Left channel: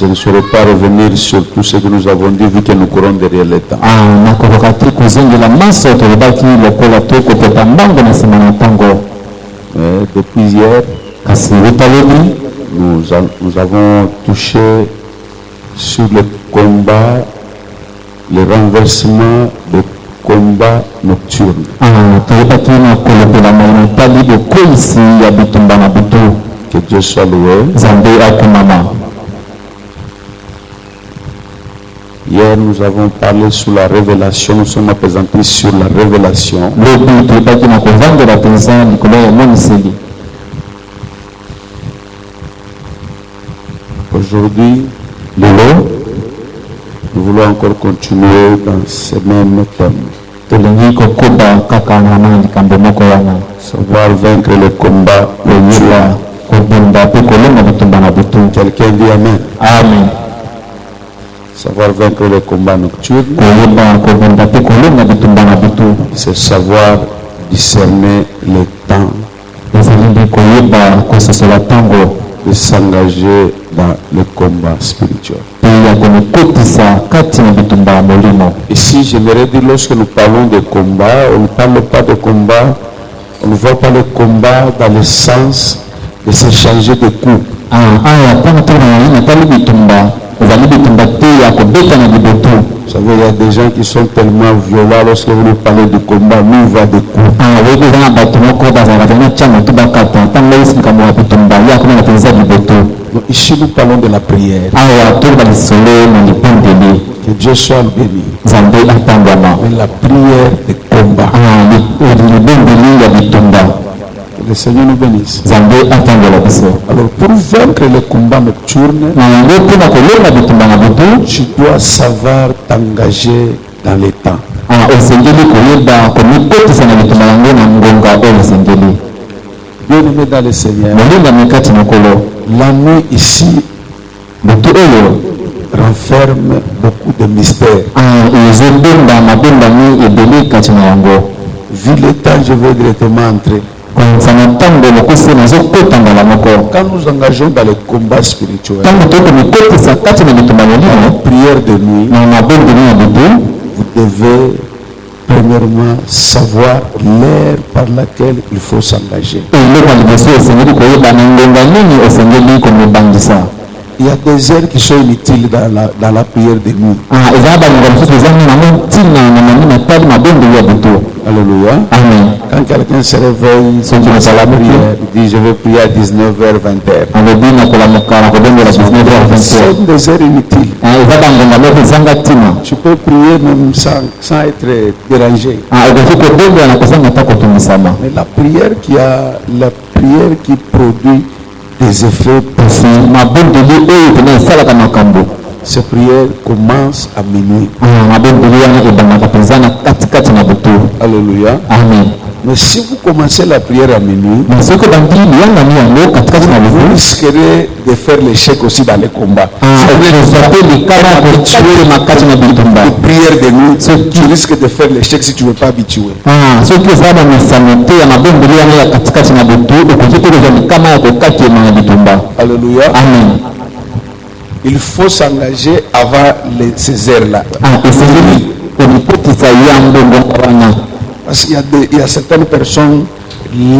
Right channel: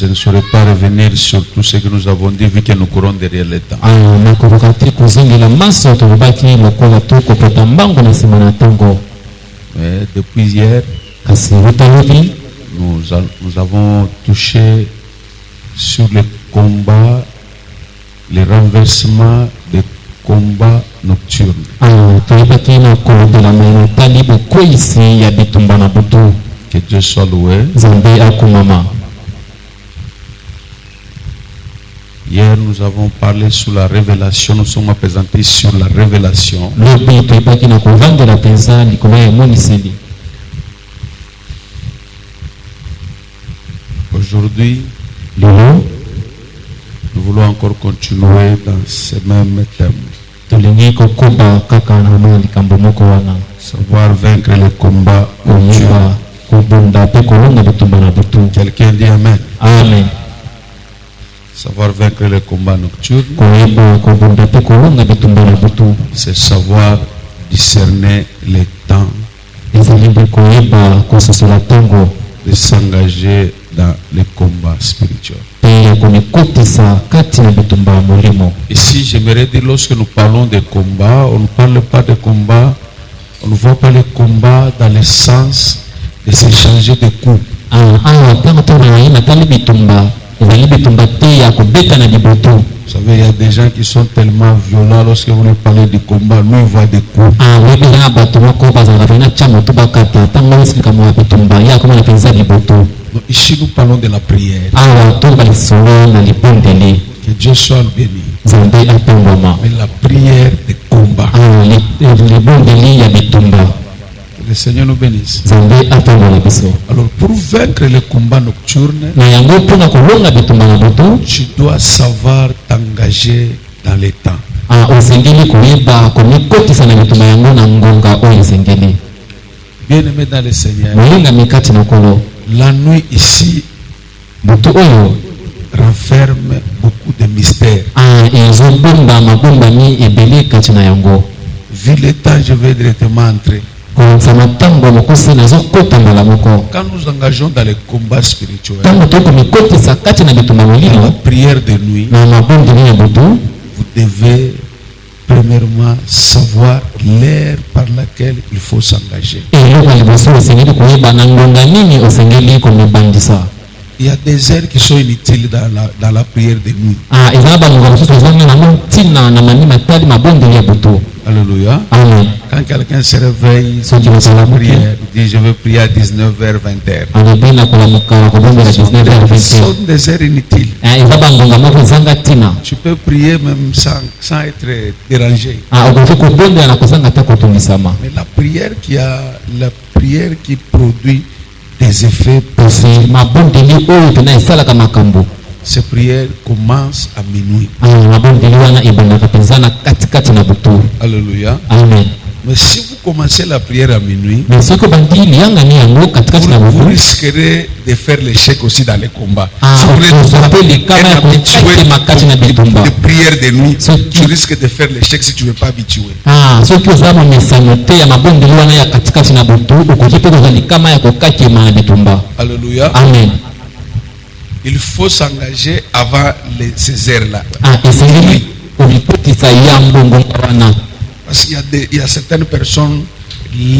Je ne saurais pas revenir sur tout ce que nous avons dit vu que nous courons derrière le temps. Mais depuis hier, nous avons touché sur le combat, le renversement des combats nocturnes. Que Dieu soit loué. Hier, nous avons parlé sur la révélation. Nous sommes appesantis sur la révélation. Aujourd'hui, nous voulons encore continuer dans ce même thème. Savoir vaincre le combat. Quelqu'un dit Amen. Amen. Savoir vaincre le combat nocturne, c'est savoir discerner les temps de s'engager dans le combat spirituel. Ici, j'aimerais dire, lorsque nous parlons de combat, on ne parle pas de combat, on ne voit pas le combat dans le sens de s'échanger de coups. Vous savez, il y a des gens qui sont tellement violents lorsque vous nous parlez de combat, nous on voit des coups. Donc ici nous parlons de la prière. Que Dieu soit béni. Mais la prière de combat. Que le Seigneur nous bénisse. Alors pour vaincre le combat nocturne, tu dois savoir t'engager dans les temps. Bien aimé dans le Seigneur, la nuit ici renferme beaucoup de mystères. Vu le temps, je vais directement entrer. Quand nous engageons dans le combat spirituel, dans la prière de nuit, vous devez premièrement savoir l'heure par laquelle il faut s'engager. Il y a des heures qui sont inutiles dans la prière de nuit. Alléluia. Amen. Quand quelqu'un se réveille à la prière, il dit je vais prier à 19h, 20h. Ce sont des heures inutiles. Tu peux prier même sans être dérangé. Mais la prière qui produit des effets positifs. Cette prière commence à minuit. Alléluia. Amen. Mais si vous commencez la prière à minuit, vous risquerez de faire l'échec aussi dans les combats. Si vous êtes de prière de nuit, tu risques de faire l'échec si tu ne veux pas habituer. Alléluia. Amen. Il faut s'engager avant ces heures-là. Parce qu'il y a certaines personnes,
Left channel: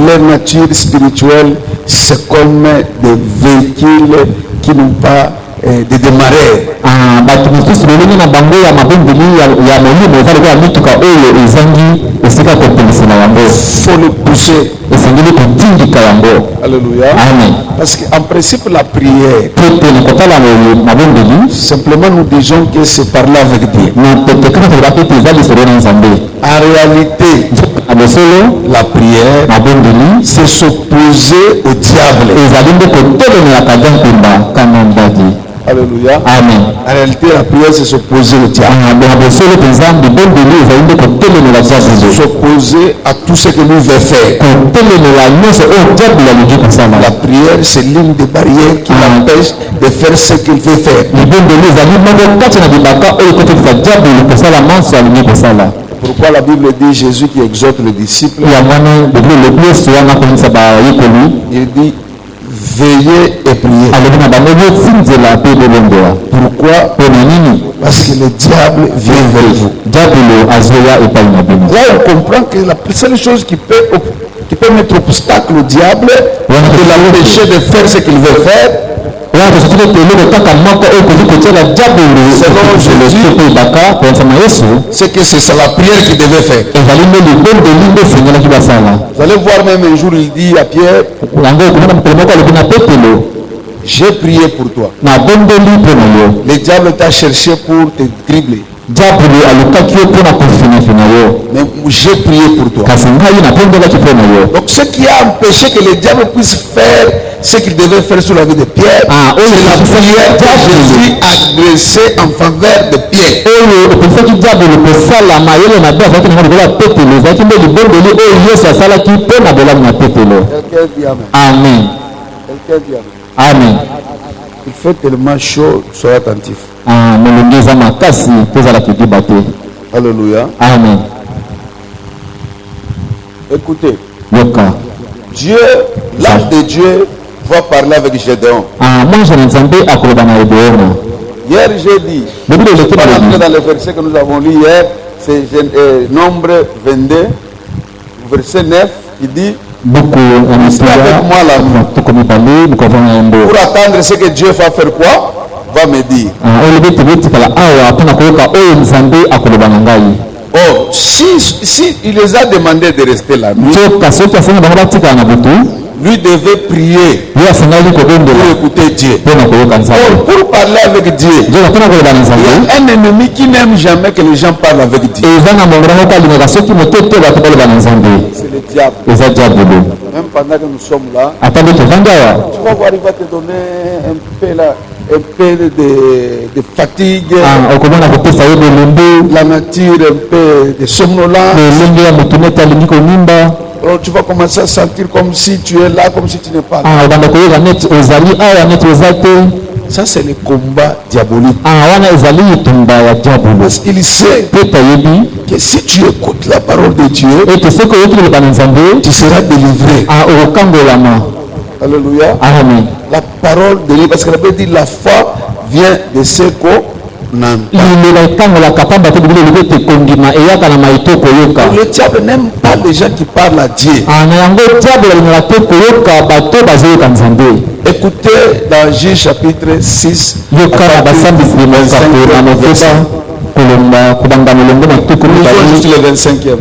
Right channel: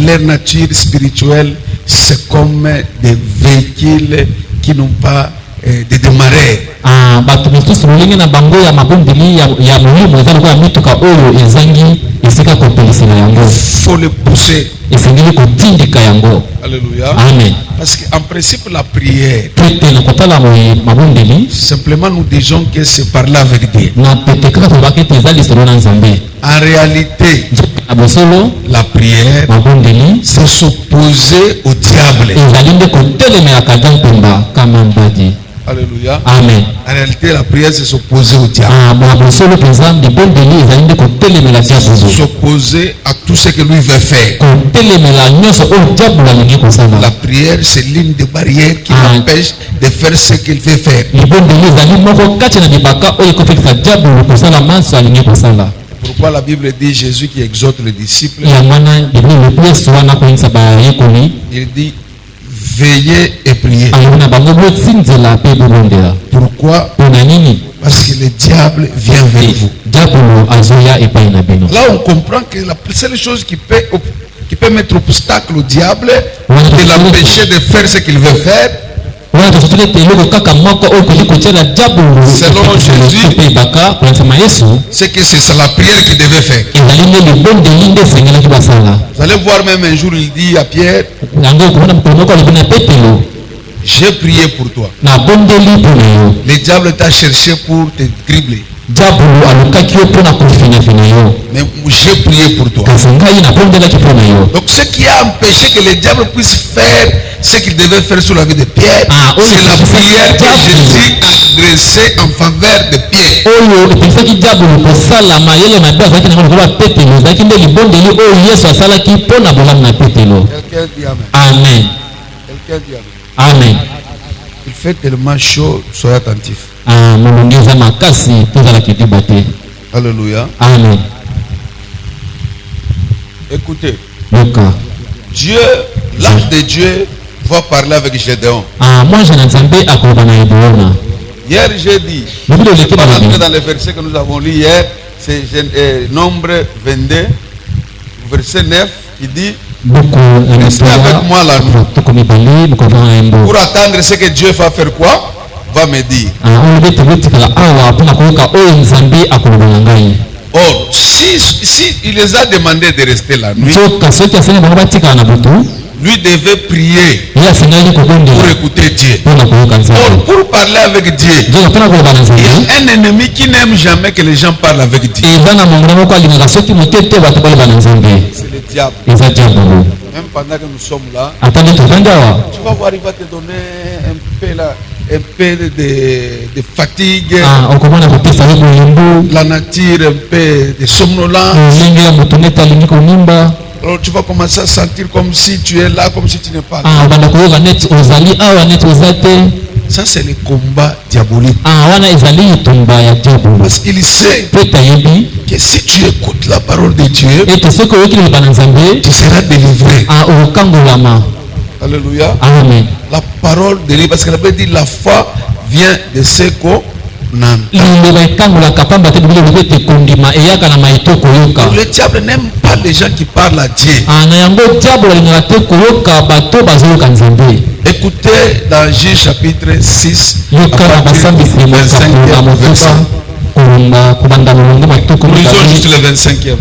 leur nature spirituelle, c'est comme des véhicules qui n'ont pas de démarrer. Faut le pousser. Alléluia. Amen. Parce qu'en principe la prière, simplement nous disons que c'est parler avec Dieu. En réalité, la prière, c'est s'opposer au diable. Alléluia. Amen. En réalité, la prière, c'est s'opposer au diable. S'opposer à tout ce que lui veut faire. La prière, c'est l'une des barrières qui l'empêche de faire ce qu'il veut faire. Pourquoi la Bible dit Jésus qui exhorte les disciples, il dit veillez et priez. Pourquoi? Parce que le diable vient vers vous. Là, on comprend que la seule chose qui peut mettre obstacle au diable, de l'empêcher de faire ce qu'il veut faire, selon Jésus, c'est que c'est la prière qu'il devait faire. Vous allez voir même un jour, il dit à Pierre, j'ai prié pour toi. Le diable t'a cherché pour te dribbler. Mais j'ai prié pour toi. Donc ce qui a empêché que le diable puisse faire ce qu'il devait faire sur la vie de Pierre, c'est la prière que Jésus a adressée en faveur de Pierre. Quelqu'un dit amen. Quelqu'un dit amen. Amen. Il fait tellement chaud, soyez attentifs. Alléluia. Amen. Écoutez, Dieu, l'ange de Dieu va parler avec Gédéon. Hier j'ai dit, pas rentrer dans le verset que nous avons lu hier, c'est Nombre 22, verset 9, qui dit, restez avec moi là. Pour attendre ce que Dieu va faire quoi? Va me dire. Or, si il les a demandé de rester la nuit, lui devait prier pour écouter Dieu. Or, pour parler avec Dieu, il y a un ennemi qui n'aime jamais que les gens parlent avec Dieu. C'est le diable. Même pendant que nous sommes là, tu vas voir, il va te donner un peu de fatigue, la nature un peu de somnolence. Alors tu vas commencer à sentir comme si tu es là, comme si tu n'es pas là. Ça c'est le combat diabolique. Parce qu'il sait que si tu écoutes la parole de Dieu, tu seras délivré. Alléluia. Amen. La parole de Dieu, parce que la Bible dit la foi vient de ce qu'on entend. Le diable n'aime pas les gens qui parlent à Dieu. Écoutez dans Juge chapitre 6, lisons juste le 25e.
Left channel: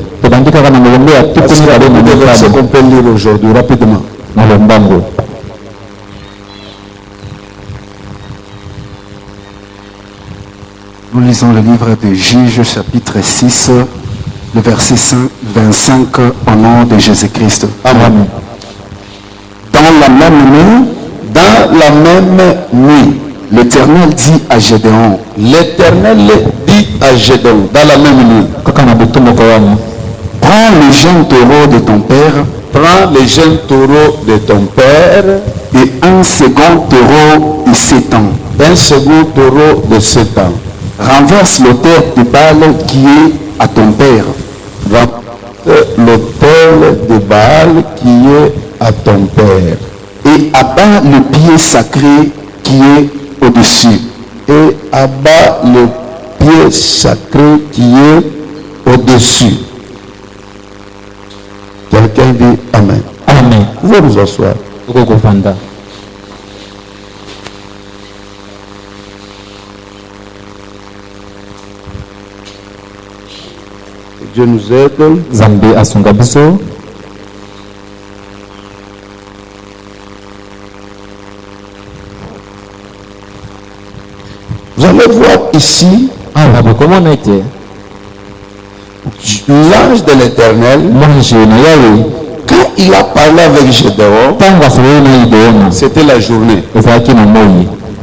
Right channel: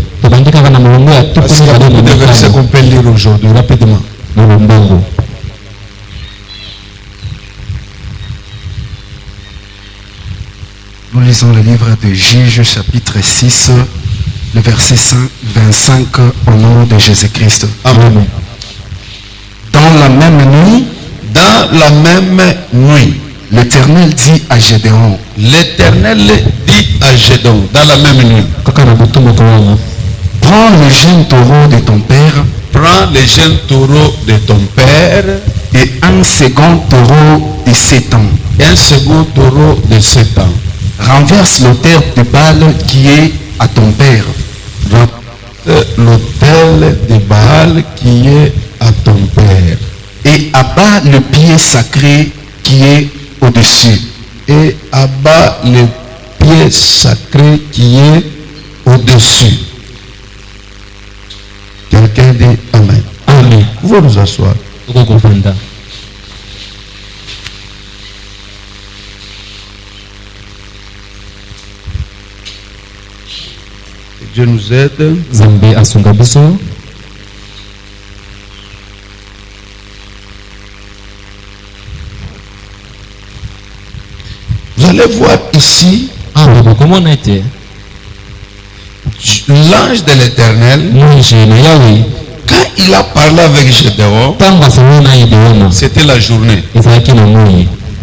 Parce qu'il y a beaucoup de versets qu'on peut lire aujourd'hui, rapidement. Nous lisons le livre de Juges, chapitre 6, le verset 25, au nom de Jésus-Christ. Amen. Dans la même nuit, l'Éternel dit à Gédéon. L'Éternel dit à Gédéon, dans la même nuit. Prends le jeune taureau de ton père. Prends le jeune taureau de ton père. Et un second taureau de 7 ans. Un second taureau de 7 ans. Renverse l'autel de Baal qui est à ton père. Renverse l'autel de Baal qui est à ton père. Et abat le pied sacré qui est au-dessus. Et abat le pied sacré qui est au-dessus. Quelqu'un dit Amen. Amen. Vous pouvez vous asseoir. Dieu nous aide. Zambé asungabiso. Vous allez voir ici l'ange de l'Éternel. Quand il a parlé avec Gédéon, c'était la journée.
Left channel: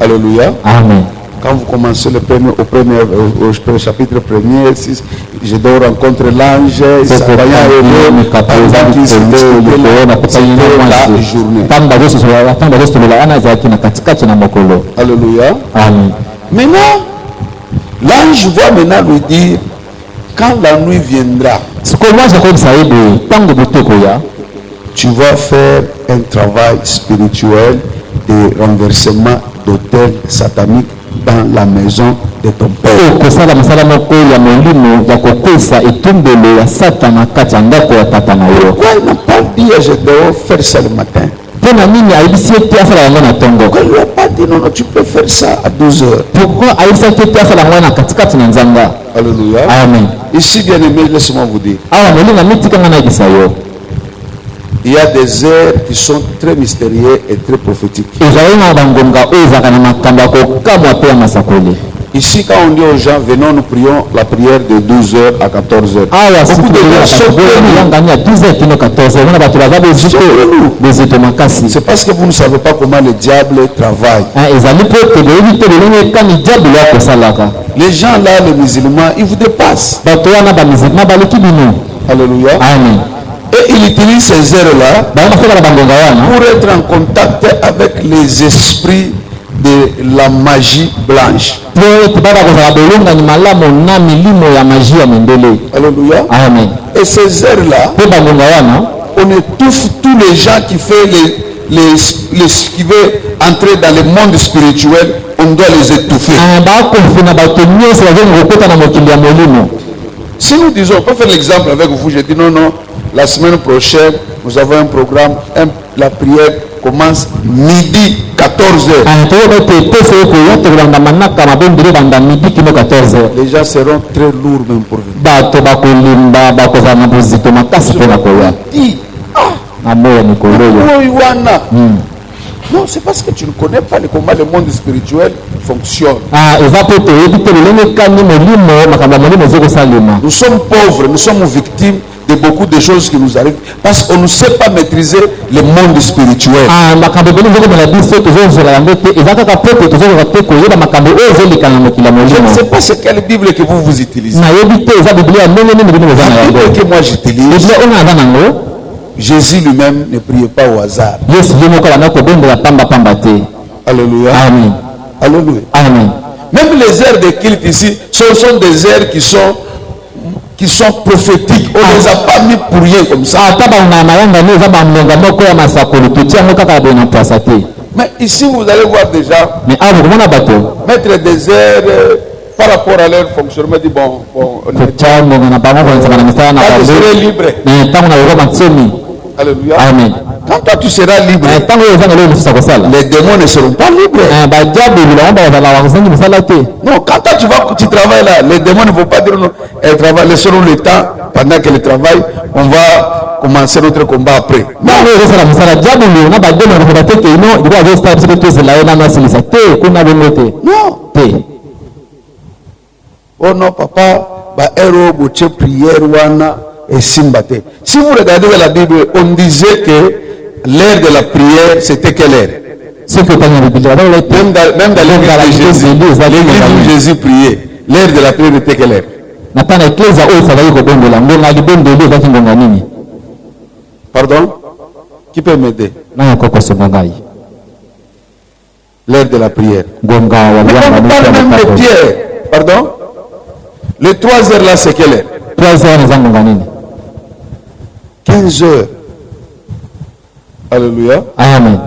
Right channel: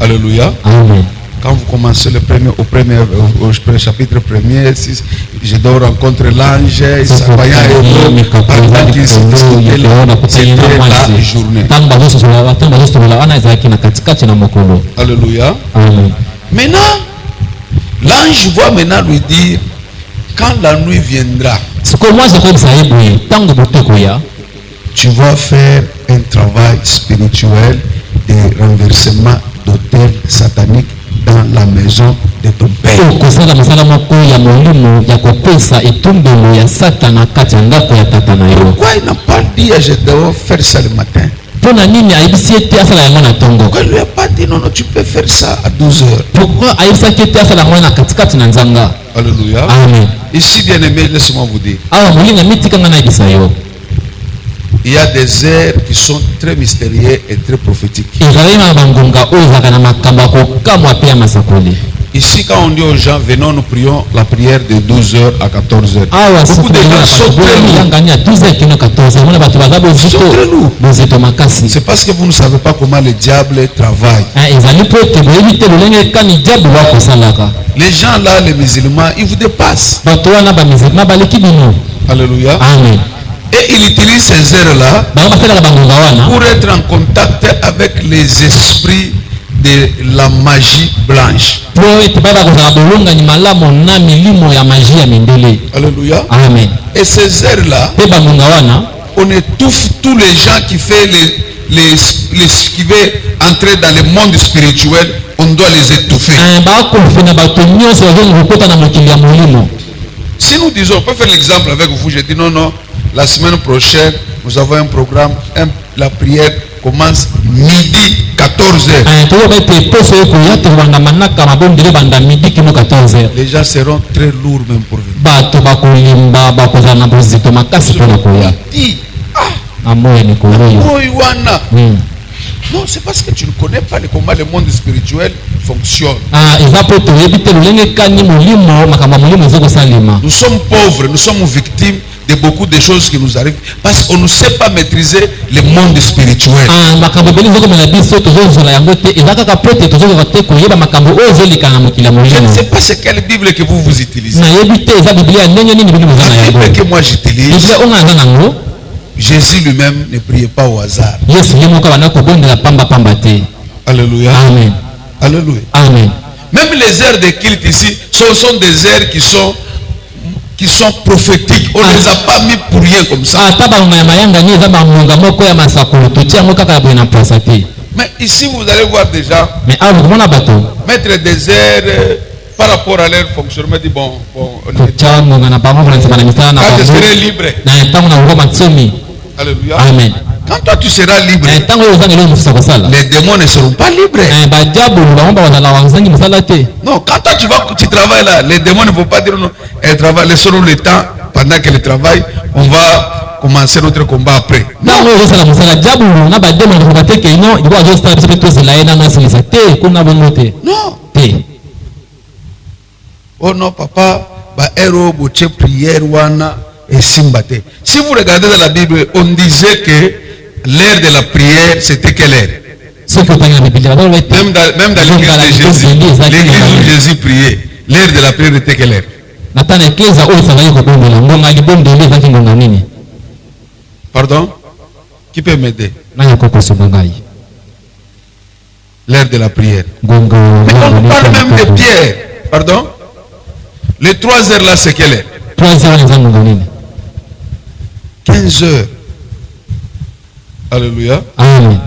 Alléluia. Amen. Quand vous commencez au chapitre 1er, Gédéon rencontre l'ange, il s'appareille à eux, pendant qu'ils se discutaient là, c'était la journée. Alléluia. Amen. Maintenant, l'ange va maintenant lui dire, quand la nuit viendra, tu vas faire un travail spirituel de renversement d'autel satanique dans la maison de ton père. Okosala masala moko ya molimo ya kokwesa etumbelo ya Satana kati ya ndako ya tata na yo. Pourquoi il n'a pas dit à Gédéon faire ça le matin? Pona nini ayebisi ete asala yango na tongo? Pourquoi il lui a pas dit non, non, tu peux faire ça à 12 heures? Pourquoi ayebisaki ete asala yango na katikati na nzanga? Alléluia. Amen. Ici, bien aimé, laisse-moi vous dire. Awa molinga mitikanga na yebisa yo. Il y a des heures qui sont très mystérieuses et très prophétiques. Ezali na bangonga oyo ezaka na makambo ya kokamwa pe ya masakoli. Ici, quand on dit aux gens, venons, nous prions la prière de 12h à 14h. Beaucoup de gens sont très lourds. C'est parce que vous ne savez pas comment le diable travaille. Les gens là, les musulmans, ils vous dépassent. Alléluia. Amen. Et il utilise ces heures-là pour être en contact avec les esprits de la magie blanche. Alléluia. Amen. Et ces heures-là, on étouffe tous les gens qui font qui veulent entrer dans le monde spirituel, on doit les étouffer. Si nous disons, on peut faire l'exemple avec vous, je dis non, non, la semaine prochaine, nous avons un programme, la prière commence midi 14h. Les gens seront très lourds même pour venir. Non, c'est parce que tu ne connais pas comment le monde spirituel fonctionne. Nous sommes pauvres, nous sommes victimes de beaucoup de choses qui nous arrivent parce qu'on ne sait pas maîtriser le monde spirituel. Je ne sais pas c'est quelle Bible que vous utilisez. La Bible que moi j'utilise, Jésus lui-même ne priait pas au hasard. Alléluia. Amen. Alléluia. Amen. Même les heures de culte ici, ce sont des heures qui sont prophétiques. On ne les a pas mis pour rien comme ça. Mais ici, vous allez voir déjà, mettre des heures par rapport à leur fonctionnement, dit bon, quand je serai libre. Alléluia. Amen. Quand toi tu seras libre, les démons ne seront pas libres. Non, quand toi tu travailles là, les démons ne vont pas dire non, elles travaillent, laisseront le temps pendant qu'elles travaillent, on va commencer notre combat après. Non. Oh non, papa, prière wana. Et Simbate. Si vous regardez dans la Bible, on disait que l'heure de la prière, c'était quelle heure? Même dans l'église de Jésus, l'église où Jésus priait, l'heure de la prière était quelle heure? Pardon? Qui peut m'aider? L'heure de la prière. Mais on parle même de Pierre. Pardon? Les 3 heures là, c'est quelle heure? 15 heures. Alléluia. Amen.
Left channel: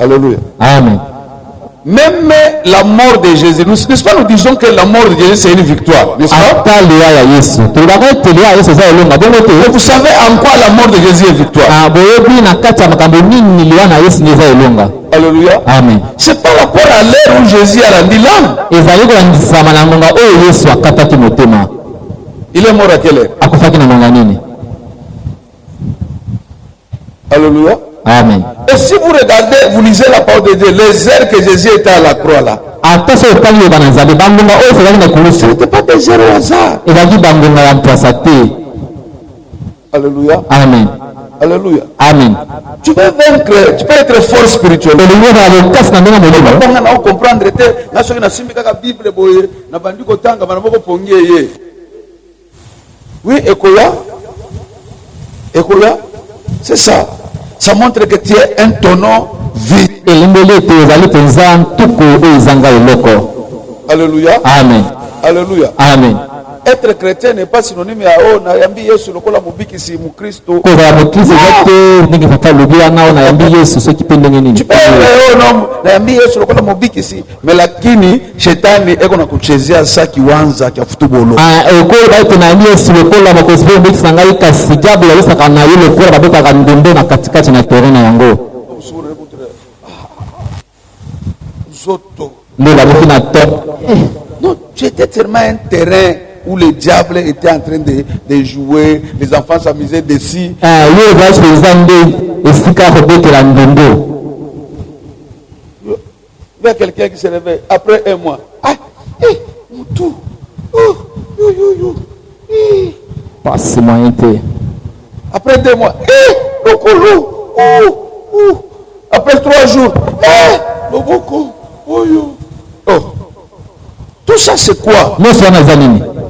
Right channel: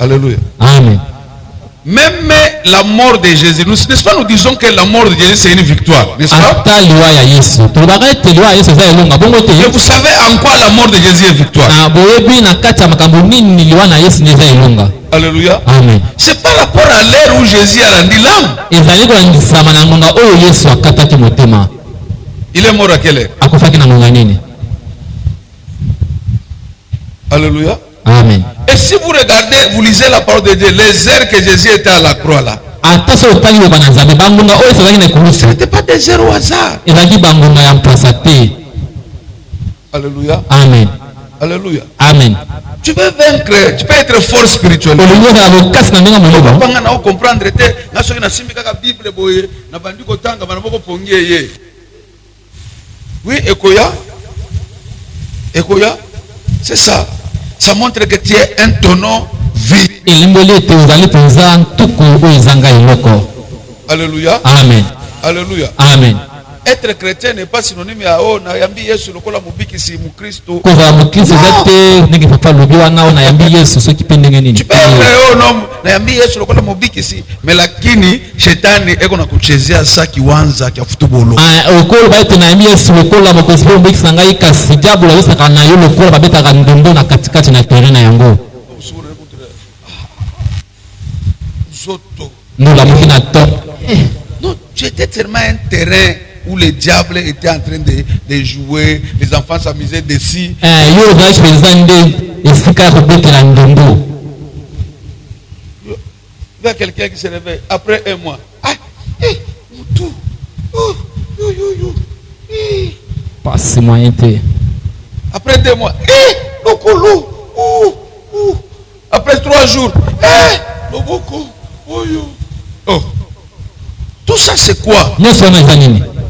Alléluia. Amen. Même la mort de Jésus, n'est-ce pas, nous disons que la mort de Jésus c'est une victoire, n'est-ce pas? Mais vous savez en quoi la mort de Jésus est victoire? Alléluia. Amen. C'est par rapport à l'heure où Jésus a rendu l'âme. Il est mort à quelle heure? Alléluia. Amen. Et si vous regardez, vous lisez la parole de Dieu, les heures que Jésus était à la croix là, ce n'était pas des heures au hasard. Alléluia. Amen. Alléluia. Amen. Tu peux vaincre, tu peux être fort spirituellement. Oui, Ekoya, c'est ça. Ça montre que tu es un tonneau vide. Alléluia. Alléluia. Amen. Alléluia. Amen. être chrétien n'est pas synonyme à oh nayambi Yesu lokola mobiki si mukristo. kozala mokristo eza te ndenge papa alobi wana o nayambi yesu soki mpe ndenge nini. Tu peux oh non nayambi Yesu lokola mobiki si mais lakini shetani eko na kuchezea sa kiwanza kia futubolo. okolo baito nayambi yesu lokola mokonzi mpe mobikisi na ngai kasi diabolo abesaka na yo lokola babetaka ndembo na katikati na terrain na yango. Ndola moki na to. Non, tu étais tellement un terrain où le diable était en train de jouer, les enfants s'amusaient dessus. Yo ozalaki mpenza nde esika ya kobetela ndembo. Il y a quelqu'un qui se réveille après un mois. Ah, tout. Passe moyen te. Après 2 mois. Le colo. Après 3 jours. Le boko. Oh. Tout ça c'est quoi? Non,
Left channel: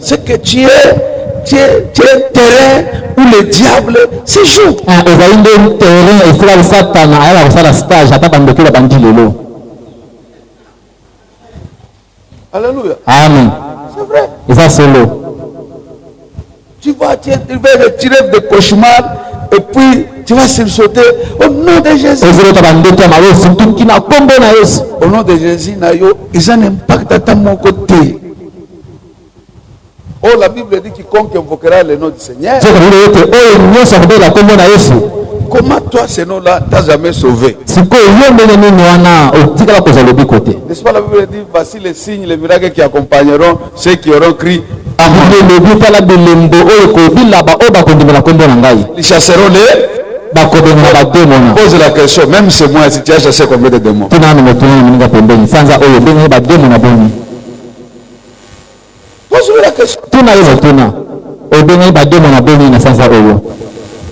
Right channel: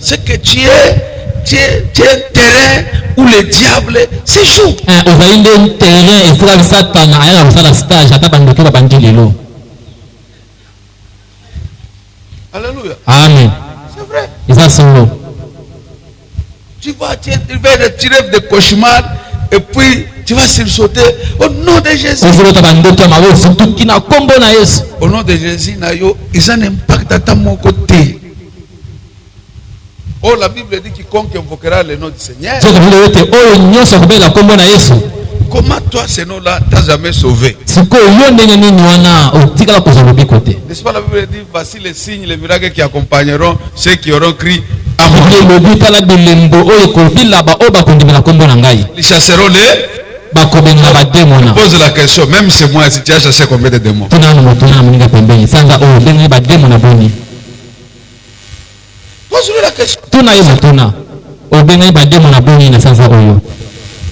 C'est que tu es un terrain où le diable se joue. Ozali nde terrain esika bisatana ayaka kosala stage ata bandoki babandi lelo. Alléluia. Amen. C'est vrai. Eza solo. Tu vas retirer des cauchemars et puis tu vas sursauter au nom de Jésus. Au nom de Jésus, ils ont un impact à ta mon côté. Oh, la Bible dit quiconque invoquera le nom du Seigneur. Comment toi, ce nom-là, t'as jamais sauvé? N'est-ce pas la Bible dit voici les signes, les miracles qui accompagneront ceux qui auront crié à moi. Ils chasseront les. Pose la question, même chez moi, si tu as chassé combien de démons? Pose la question.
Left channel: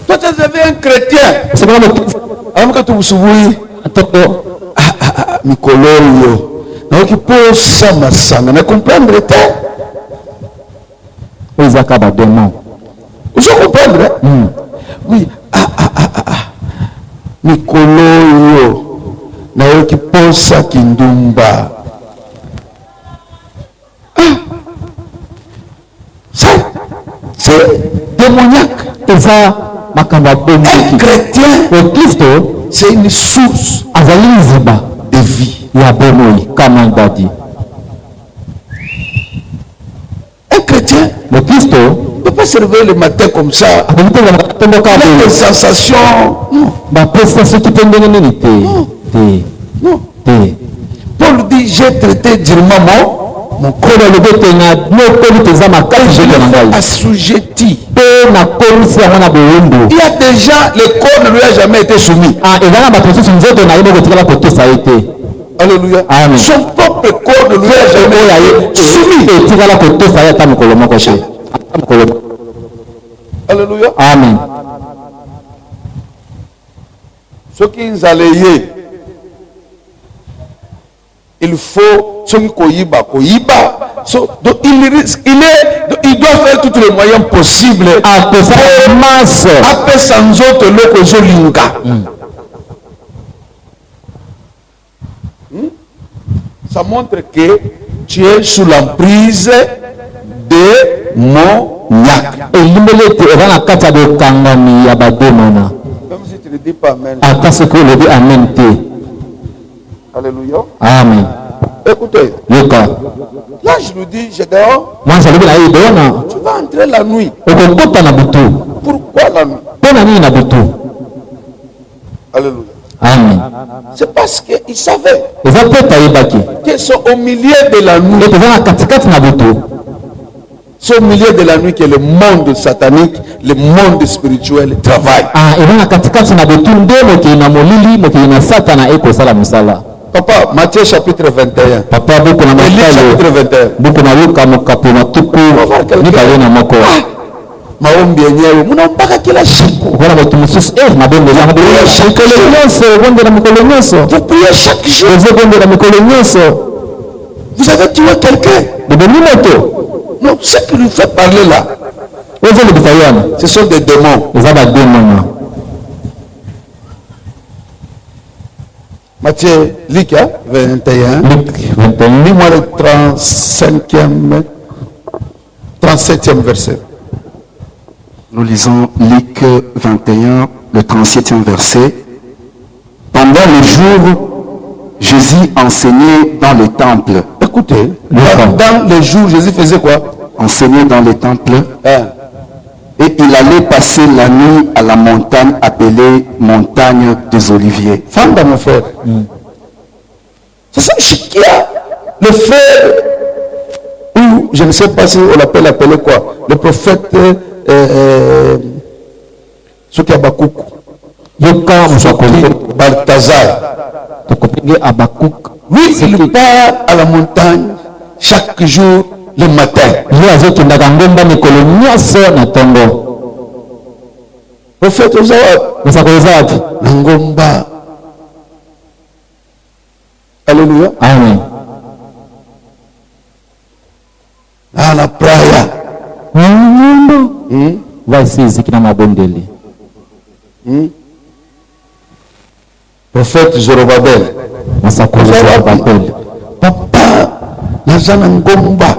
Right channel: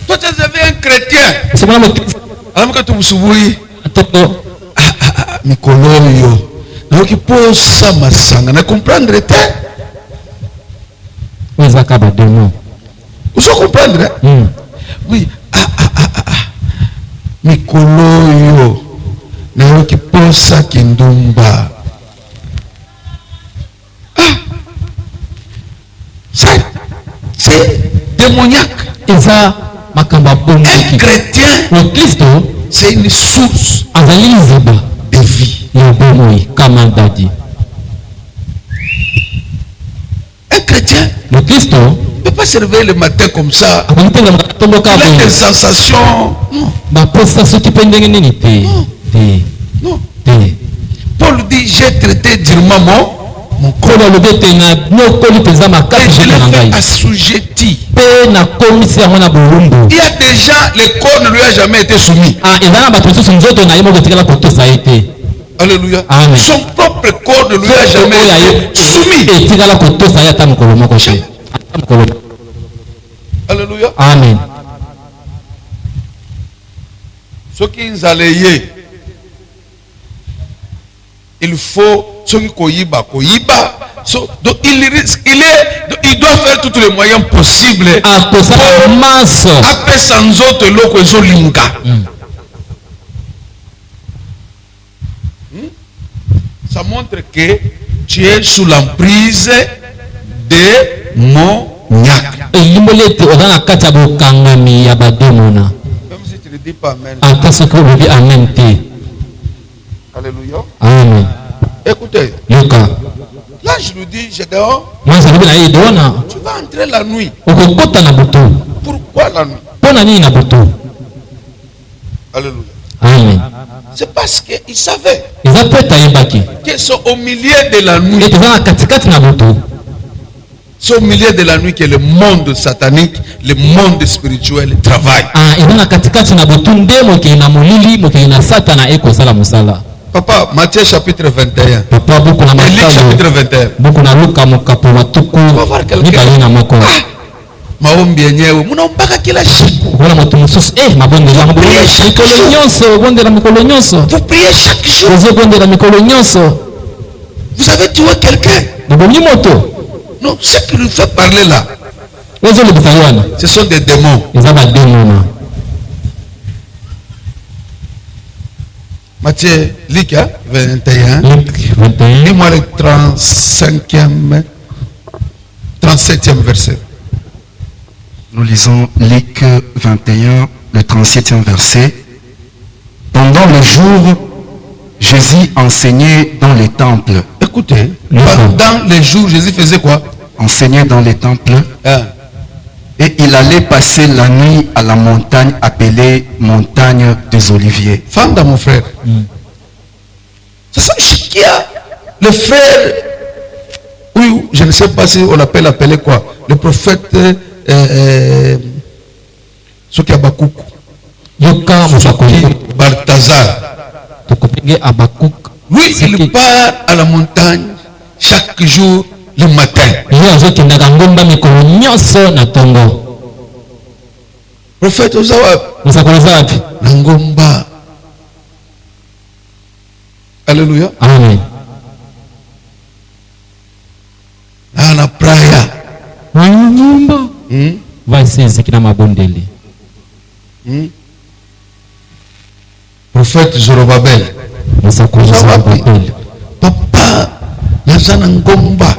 Toi, tu avais un chrétien. Alors que tu me souviens, Mikoloyo, non qui pose ça ma sang, ne comprendre pas. Vous comprendre? Oui. Mikoloyo, na qui pose ça kindumba. C'est démoniaque. Un chrétien, c'est une source de vie. Un chrétien ne peut pas se réveiller le matin comme ça. Il a des sensations. Non. Paul dit j'ai traité durement mon corps. Et je l'ai fait assujetti. Il y a des gens, le corps ne lui a jamais été soumis. Alléluia. Amen. Son propre corps ne lui a jamais été soumis. Alléluia. Amen. Ce qui nous a liés, il faut ce qui koyiba. Donc il doit faire tous les moyens possibles. Après sans autre loko zolinga. Ça montre que tu es sous l'emprise de démoniaque. Même si tu ne dis pas amen. Alléluia. Amen. Écoutez. Là, je lui dis, je dehors. Tu vas entrer la nuit. Pourquoi la nuit? Alléluia. Amen. C'est parce qu'ils savaient qu'ils sont au milieu de la nuit. C'est au milieu de la nuit que le monde satanique, le monde spirituel travaille. Papa, Matthieu chapitre 21. Luc chapitre 21. On va voir quelqu'un. Maombi yenyewe munaombaka kila siku. Vous priez chaque jour. Vous avez tué quelqu'un. Non, ce qui lui fait parler là, ce sont des démons. Matthieu, Luc 21. Dis-moi le 35e 37e verset. Nous lisons Luc 21, le 37e verset. Pendant les jours, Jésus enseignait dans les temples. Écoutez, pendant les jours, Jésus faisait quoi? Enseignait dans les temples. Hein? Et il allait passer la nuit à la montagne appelée montagne des Oliviers. Fanda, mon frère. C'est ça, Chikia, le frère. Oui, je ne sais pas si on l'appelle appeler quoi. Le prophète. Ce qui est Abakouk. Balthazar. Lui, il part à la montagne chaque jour le matin. Prophète Ozawab. Nangomba. Alléluia. Amen. Ana praya. Prophète Zorobabel. Papa Nazana Ngomba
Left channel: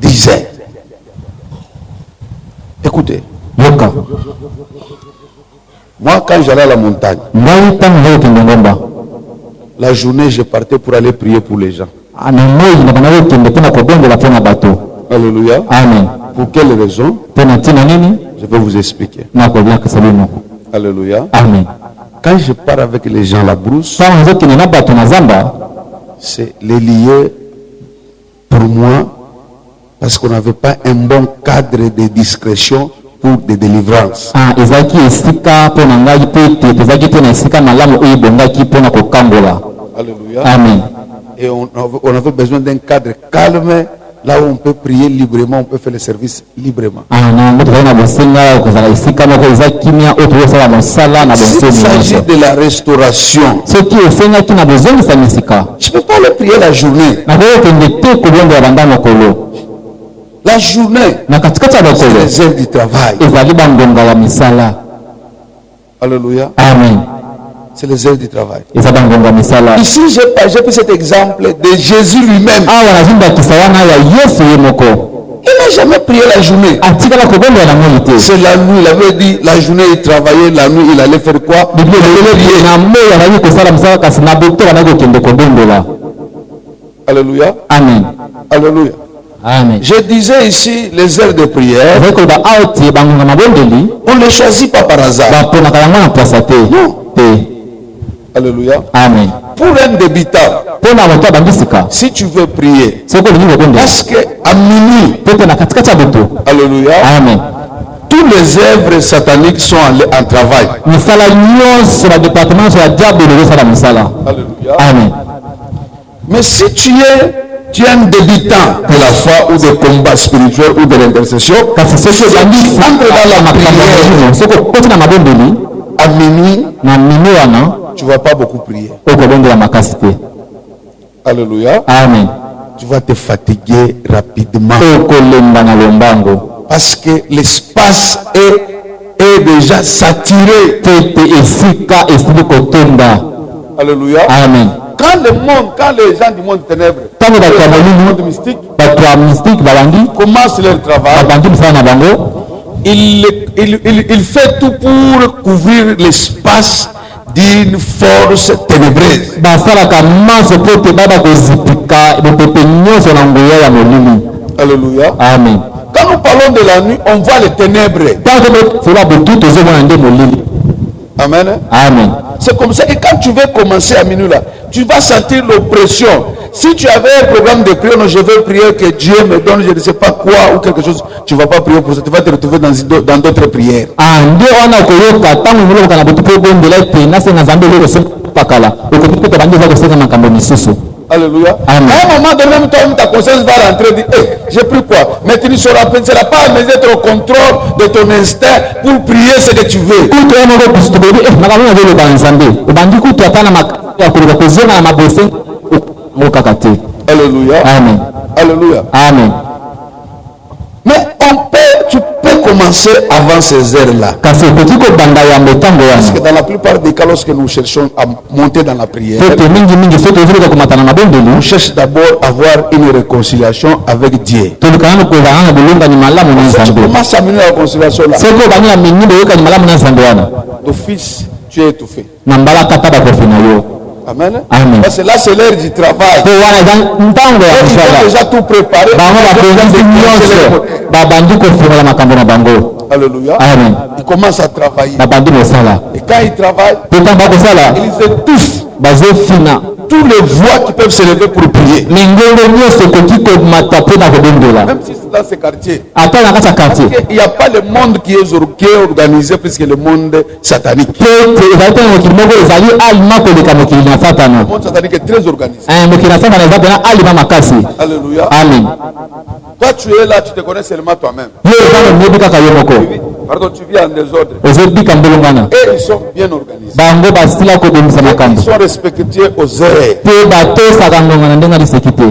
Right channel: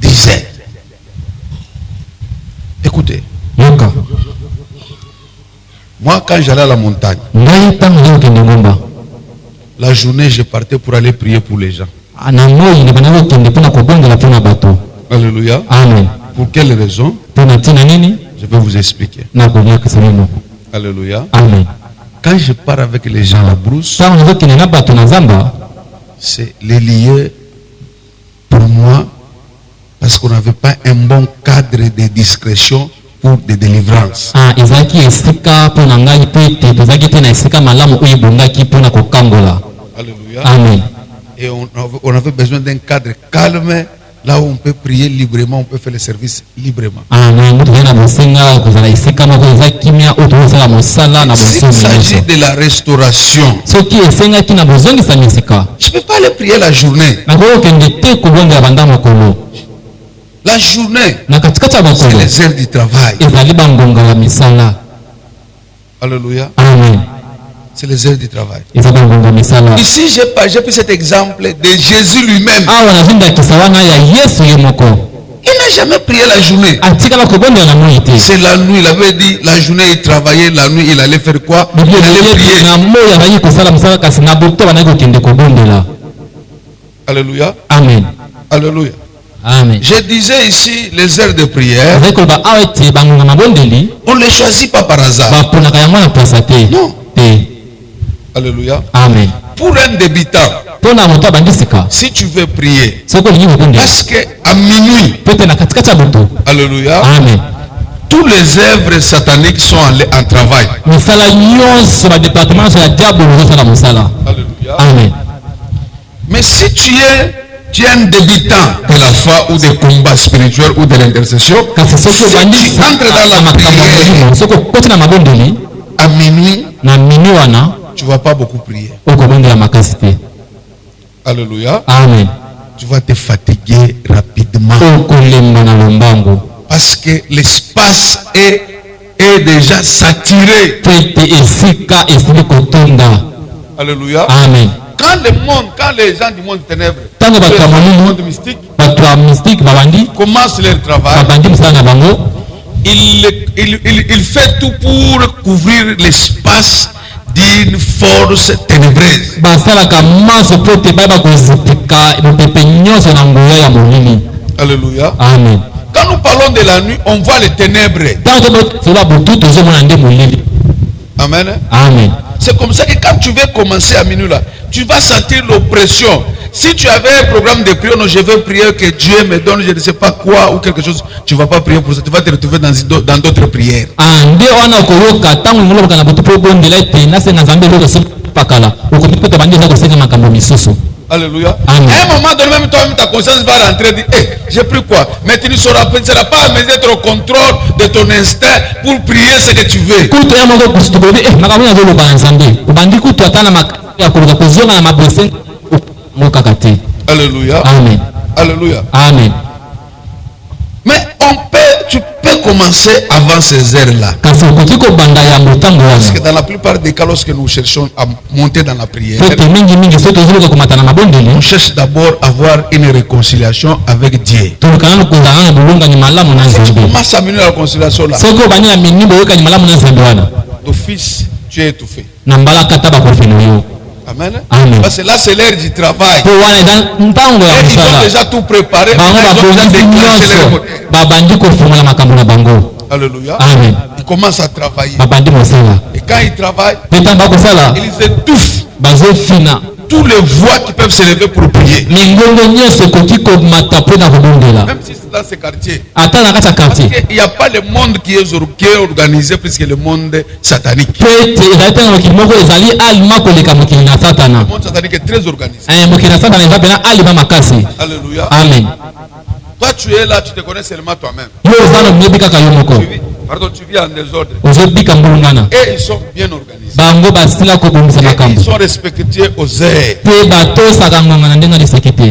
disait, écoutez, moi quand j'allais à la montagne, la journée je partais pour aller prier pour les gens. Alléluia. Amen. Pour quelle raison? Je vais vous expliquer. Alléluia. Amen. Quand je pars avec les gens à la brousse, c'est les lier pour moi parce qu'on n'avait pas un bon cadre de discrétion pour des délivrances. Alléluia. Amen. Et on avait besoin d'un cadre calme, là où on peut prier librement, on peut faire le service librement. S'il s'agit de la restauration, je ne peux pas aller prier la journée. La journée, c'est les heures du travail. Alléluia. Amen. C'est les heures du travail. Ici, j'ai pris cet exemple de Jésus lui-même. Il n'a jamais prié la journée. C'est la nuit, il avait dit, la journée il travaillait, la nuit il allait faire quoi? Il allait prier. Alléluia. Amen. Alléluia. Amen. Je disais ici les heures de prière. On ne les choisit pas par hasard. Non. Alléluia. Amen. Pour un débutant, si tu veux prier, parce qu'à minuit, alléluia, amen, tous les œuvres sataniques sont en travail. Alléluia. Amen. Mais si tu es un débutant de la foi ou des combats spirituels ou de l'intercession, si tu entres dans la prière à minuit, tu ne vas pas beaucoup prier. Alléluia. Amen. Tu vas te fatiguer rapidement. Parce que l'espace est déjà saturé. Alléluia. Amen. Quand les gens du monde ténèbres, le monde mystique, commencent leur travail, il fait tout pour couvrir l'espace d'une force ténébreuse. Alléluia. Amen. Quand nous parlons de la nuit, on voit les ténèbres. Amen. Amen. C'est comme ça que quand tu veux commencer à minuit là, tu vas sentir l'oppression. Si tu avais un programme de prière, non, je veux prier que Dieu me donne, je ne sais pas quoi ou quelque chose, tu ne vas pas prier pour ça, tu vas te retrouver dans d'autres prières. Alléluia. Amen. À un moment donné, même toi, ta conscience va rentrer et dire, hey, j'ai pris quoi? Mais tu ne seras pas à mesure d'être au contrôle de ton instinct pour prier ce que tu veux. Alléluia. Amen. Alléluia. Amen. Mais tu peux commencer avant ces heures-là. kasi okoki kobanda ya motango Parce que wana dans la plupart des cas, lorsque nous cherchons à monter dans la prière, tete mingi soki tozoluka komata na mabondeli on cherche d'abord à avoir une réconciliation avec Dieu. tolukana na kozala na bolongani malamu na Si tu nzambe commences à mener la réconciliation là, soki obandi na minimbo oyokani malamu na nzambe wana d'office, tu es étouffé. na mbalaka ta bakofi na yo. Amen. Amen. Parce que là, c'est l'heure du travail. po wana eza ntango ya Et ils ont mosala déjà tout préparé. bango Ils ont déjà babongisi déclenché les nyonso moteurs. babandi kofungola makambo na bango. Alléluia. Amen. Ils commencent à travailler. babandi mosala Et quand ils travaillent, mpe ntango bakosala ils étouffent bazofina tous les voix qui peuvent se lever pour prier. mingongo nyonso ekoki komata mpo na kobondela Même si c'est dans ces quartiers. ata na kati ya Parce quartier qu'il n'y a pas le monde qui est organisé plus que le monde satanique. mpe ete ezali te na mokili moko ezali alima koleka mokili na satana. Le monde satanique est très organisé. mokili na satana eza mpena alima makasi. Alléluia. Amen. Toi, tu es là, tu te connais seulement toi-même. yo oza na miyebi kaka yo moko Pardon, tu vis en désordre. ozobika mbulungana Et ils sont bien organisés. bango basila kobongisa Et makambo ils sont respectueux aux heures. mpe batosaka ngonga na ndenge aliseki te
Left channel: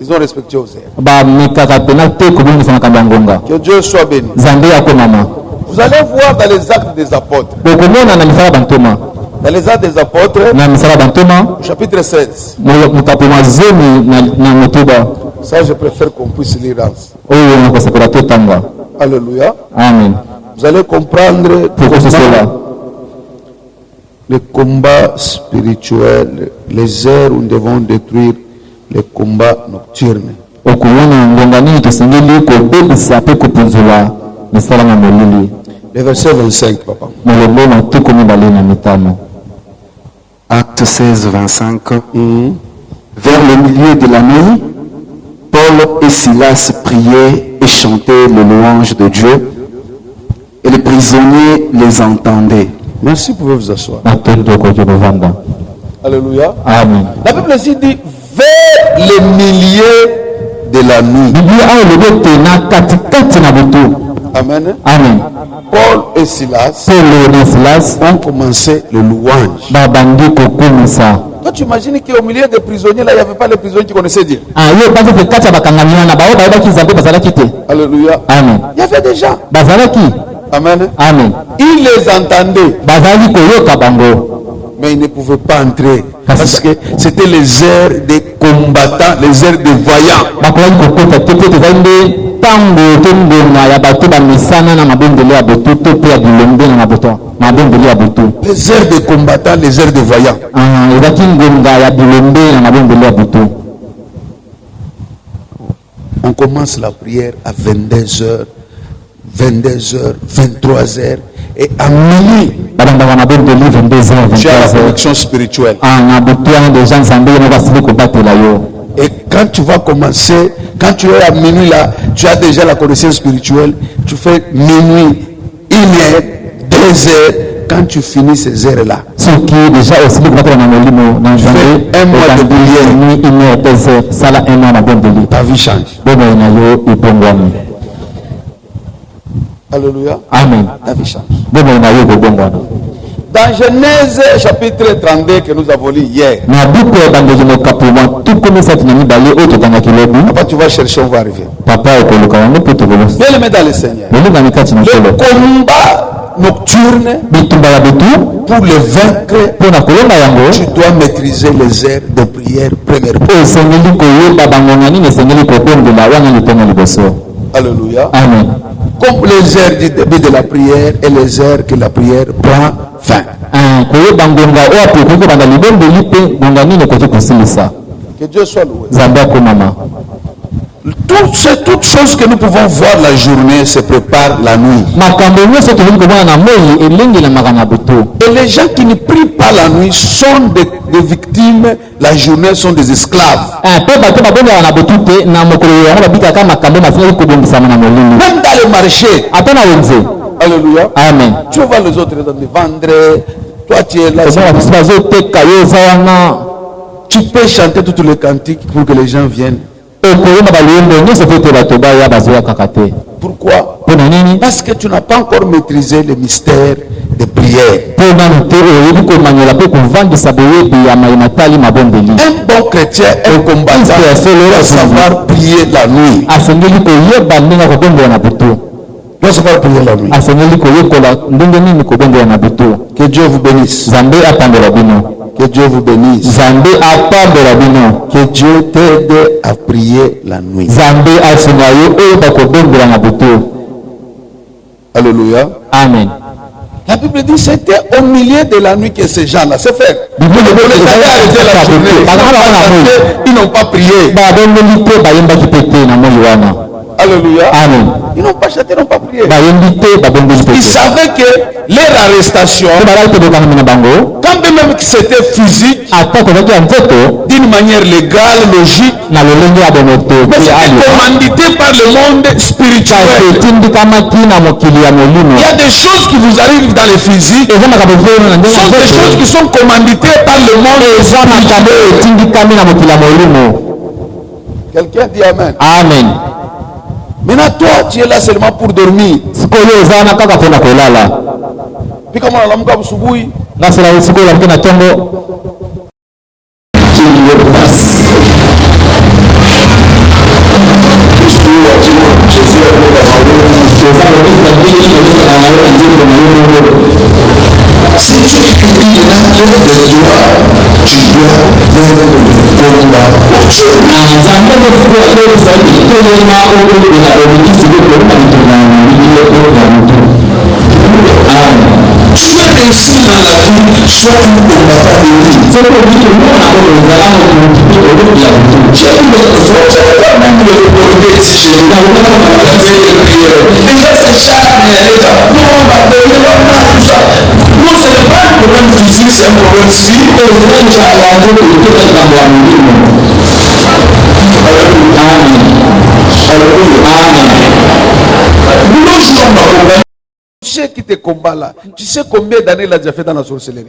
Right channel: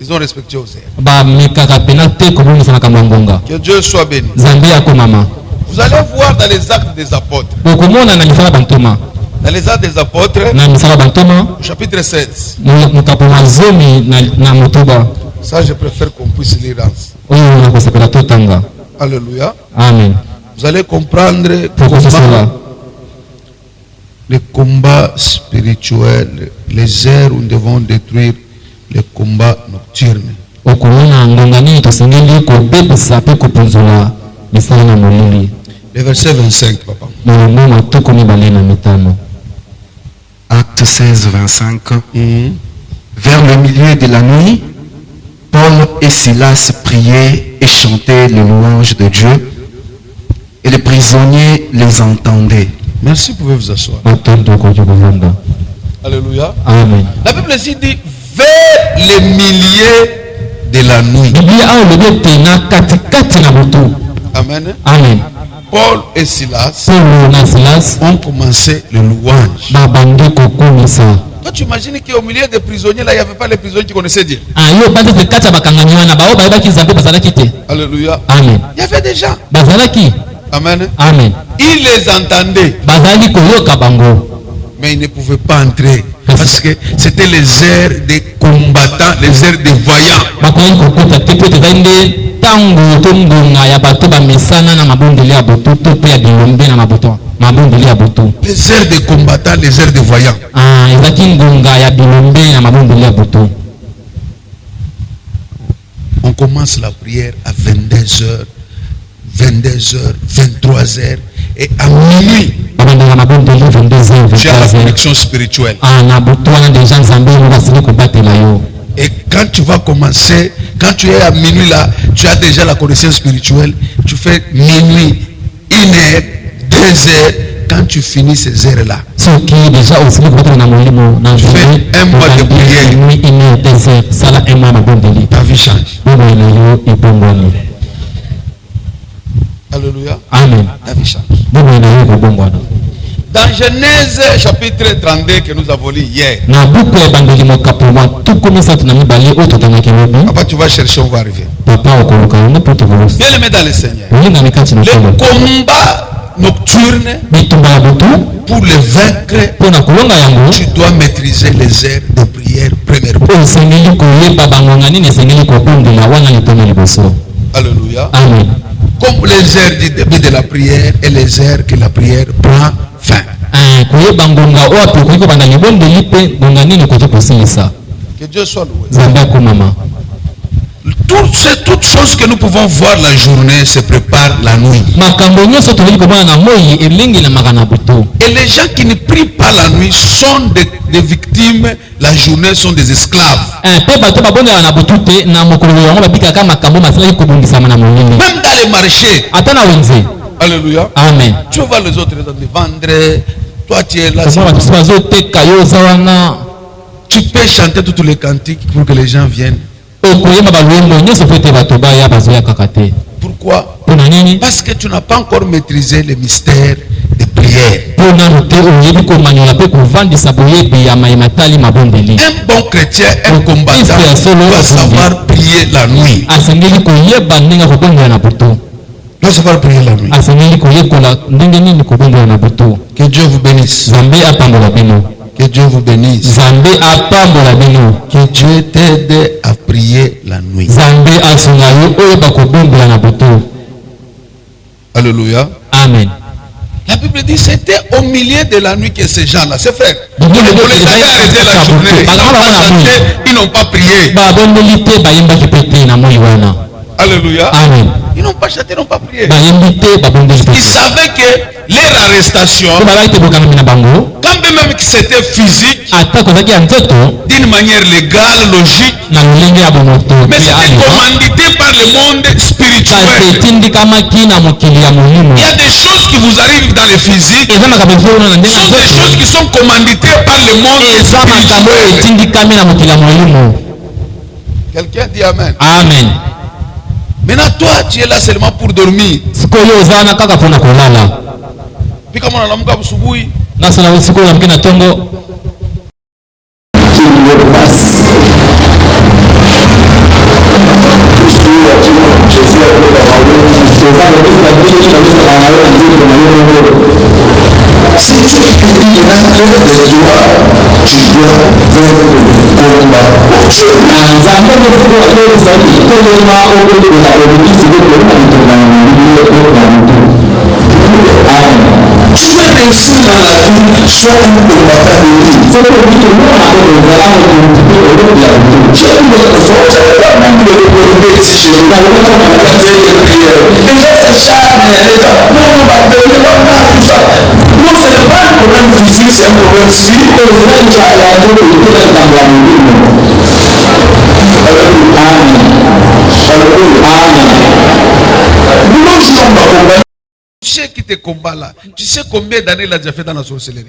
Ils ont respecté aux heures. bamekaka mpena te kobongisa makambo ya ngonga. Que Dieu soit béni. nzambe akomama. Vous allez voir dans les actes des apôtres. okomona na misala bantoma Dans les actes des apôtres, na misala bantoma chapitre 16. mokapo mwa zomi na motoba Ça, je préfère qu'on puisse lire. oyo na kosepela totanga. Alléluia. Amen. Vous allez comprendre Pourquoi c'est cela? les combats spirituels, les heures où nous devons détruire les combats nocturnes. okomona ngonga nini tosengeli kobebisa mpe kopunzula misala na molili. Le verset 25, papa. molongo matuku mibale na mitano. Acte 16, 25. Vers le milieu de la nuit, Paul et Silas priaient et chantaient les louanges de Dieu, et les prisonniers les entendaient. Merci, vous pouvez vous asseoir. matondo okoki kovanda. Alléluia. Amen. La Bible ici dit vers les milieux de la nuit. biblia awa elobi ete na katikati na butu. Amen. Amen. Paul et Silas Paulo na Silas ont commencé le louange. babandi kokomisa. Toi, tu imagines qu'au milieu des prisonniers, là, il n'y avait pas les prisonniers qui connaissaient Dieu. yo banzi ete kati ya bakangami wana bao bayebaki nzambe bazalaki te. Alléluia. Amen. Il y avait des gens. bazalaki. Amen. Amen. Ils les entendaient, bazalaki koyoka bango. mais ils ne pouvaient pas entrer. Parce que c'était les heures des combattants, les heures des voyants. bakolaki kokota te po ete ezali nde ntango to ngonga ya bato bamesana na mabondeli ya butu to mpe ya bilombe na mabondeli ya butu. Les heures des combattants, les heures des voyants. ezalaki ngonga ya bilombe na mabondeli ya butu. On commence la prière à 22h, 22h, 23h et à minuit. babandaka mabondeli 22h Tu as la 23h. connexion spirituelle. na butu wana deja nzambe ye moko asili kobatela yo. Et quand tu vas commencer, quand tu es à minuit là, tu as déjà la connaissance spirituelle. Tu fais minuit, 1h, 2h. Quand tu finis ces heures-là, soki deja osili kobatela na molimo na nzambe Fais un mois de prière. nuit 1h 2h sala un mois mabondeli ta vie change. bomoi na yo ebongwami. Alléluia. Amen. Ta vie change. bomoi na yo kobongwana. Dans Genèse chapitre 32 que nous avons lu hier, na buku ya ebandeli mokapo mwa tuku misato na mibale oyo totangaki lobi. après tu vas chercher, on va arriver. papa okoluka yango mpo tokobosa. Bien aimé dans le Seigneur. bolingami kati na Le nkolo. combat nocturne, bitumba ya butu pour le vaincre, mpo na kolonga yango tu dois maîtriser les heures de prière premièrement. osengeli koyeba bangonga nini esengeli kobondela wana litongo liboso. Alléluia. Amen. Comme les heures du début de la prière et les heures que la prière prend fin. koyeba ngonga oyo ape okoki kobanda libondeli mpe ngonga nini okoki kosilisa. Que Dieu soit loué. nzambe akomama. Toutes choses que nous pouvons voir la journée se préparent la nuit. makambo nyonso tokoki komona na moi elengelamaka na butu. Et les gens qui ne prient pas la nuit sont des victimes, la journée sont des esclaves. mpe bato babondela na butu te na mokolo yango babikaka makambo masilaki kobongisama na molili. Même dans les marchés. ata na wenze. Alléluia. Amen. Tu vois les autres dans les vendre. Toi tu es là. omona biso bazoteka yo oza wana. Tu peux chanter tous les cantiques pour que les gens viennent. okoyemba baluyembo nyonso po ete bato baya bazoyakaka te. Pourquoi? mpo na nini? Parce que tu n'as pas encore maîtrisé le mystère de prière. mpo nanu te oyebi komanyola mpe kovandisa boyebi ya mayematali mabondeli. Un bon chrétien, un combattant doit savoir prier la nuit. asengeli koyeba ndenge akobondela na butu. doit savoir prier la nuit. asengeli koyekola ndenge nini kobongola na butu. Que Dieu vous bénisse. Nzambe apambola bino. Que Dieu vous bénisse. Nzambe apambola bino. Que Dieu t'aide à prier la nuit. Nzambe asunga yo oyo bakobongola na butu. Alléluia. Amen. La Bible dit c'était au milieu de la nuit que ces gens-là, c'est fait. Ils n'ont pas prié. Alléluia. Amen. Ils n'ont pas chanté, ils n'ont pas prié. Ils Ils savaient que leur arrestation, quand même que c'était physique, d'une manière légale, logique, mais c'était commandité par le monde spirituel. Il y a des choses qui vous arrivent dans le physique, ce sont des choses qui sont commanditées par le monde spirituel. Quelqu'un dit Amen. Amen. Maintenant, toi, tu es là seulement pour dormir. Puis comme on a l'homme comme Souboui, si tu es l'âme de toi, tu dois faire le combat pour Dieu. Tu veux réussir dans la vie, sois un combattant de vie. Tu as même le reprocher si je ne pas prière. Et là, c'est chaque les gens, non, on va donner tout ça. Non, ce n'est pas un problème physique, c'est un problème spirituel. Tu sais qui te combat là. Tu sais combien d'années il a déjà fait dans la sorcellerie.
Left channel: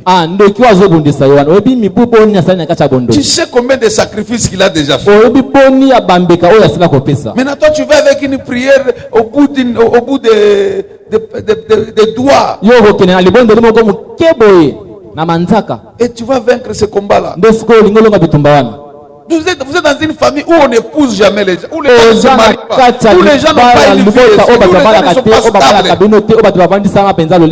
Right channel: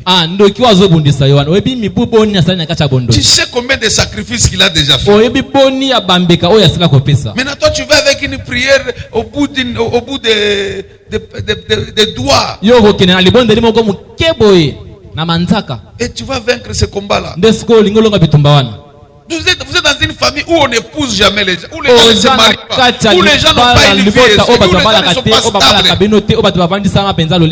Tu sais combien de sacrifices qu'il a déjà fait. Maintenant toi tu vas avec une prière au bout des doigts. Et tu vas vaincre ce combat là. Vous êtes dans une famille où on n'épouse jamais les gens, où les gens ne se marient pas, où les gens n'ont pas une vie, où les gens ne sont pas stables.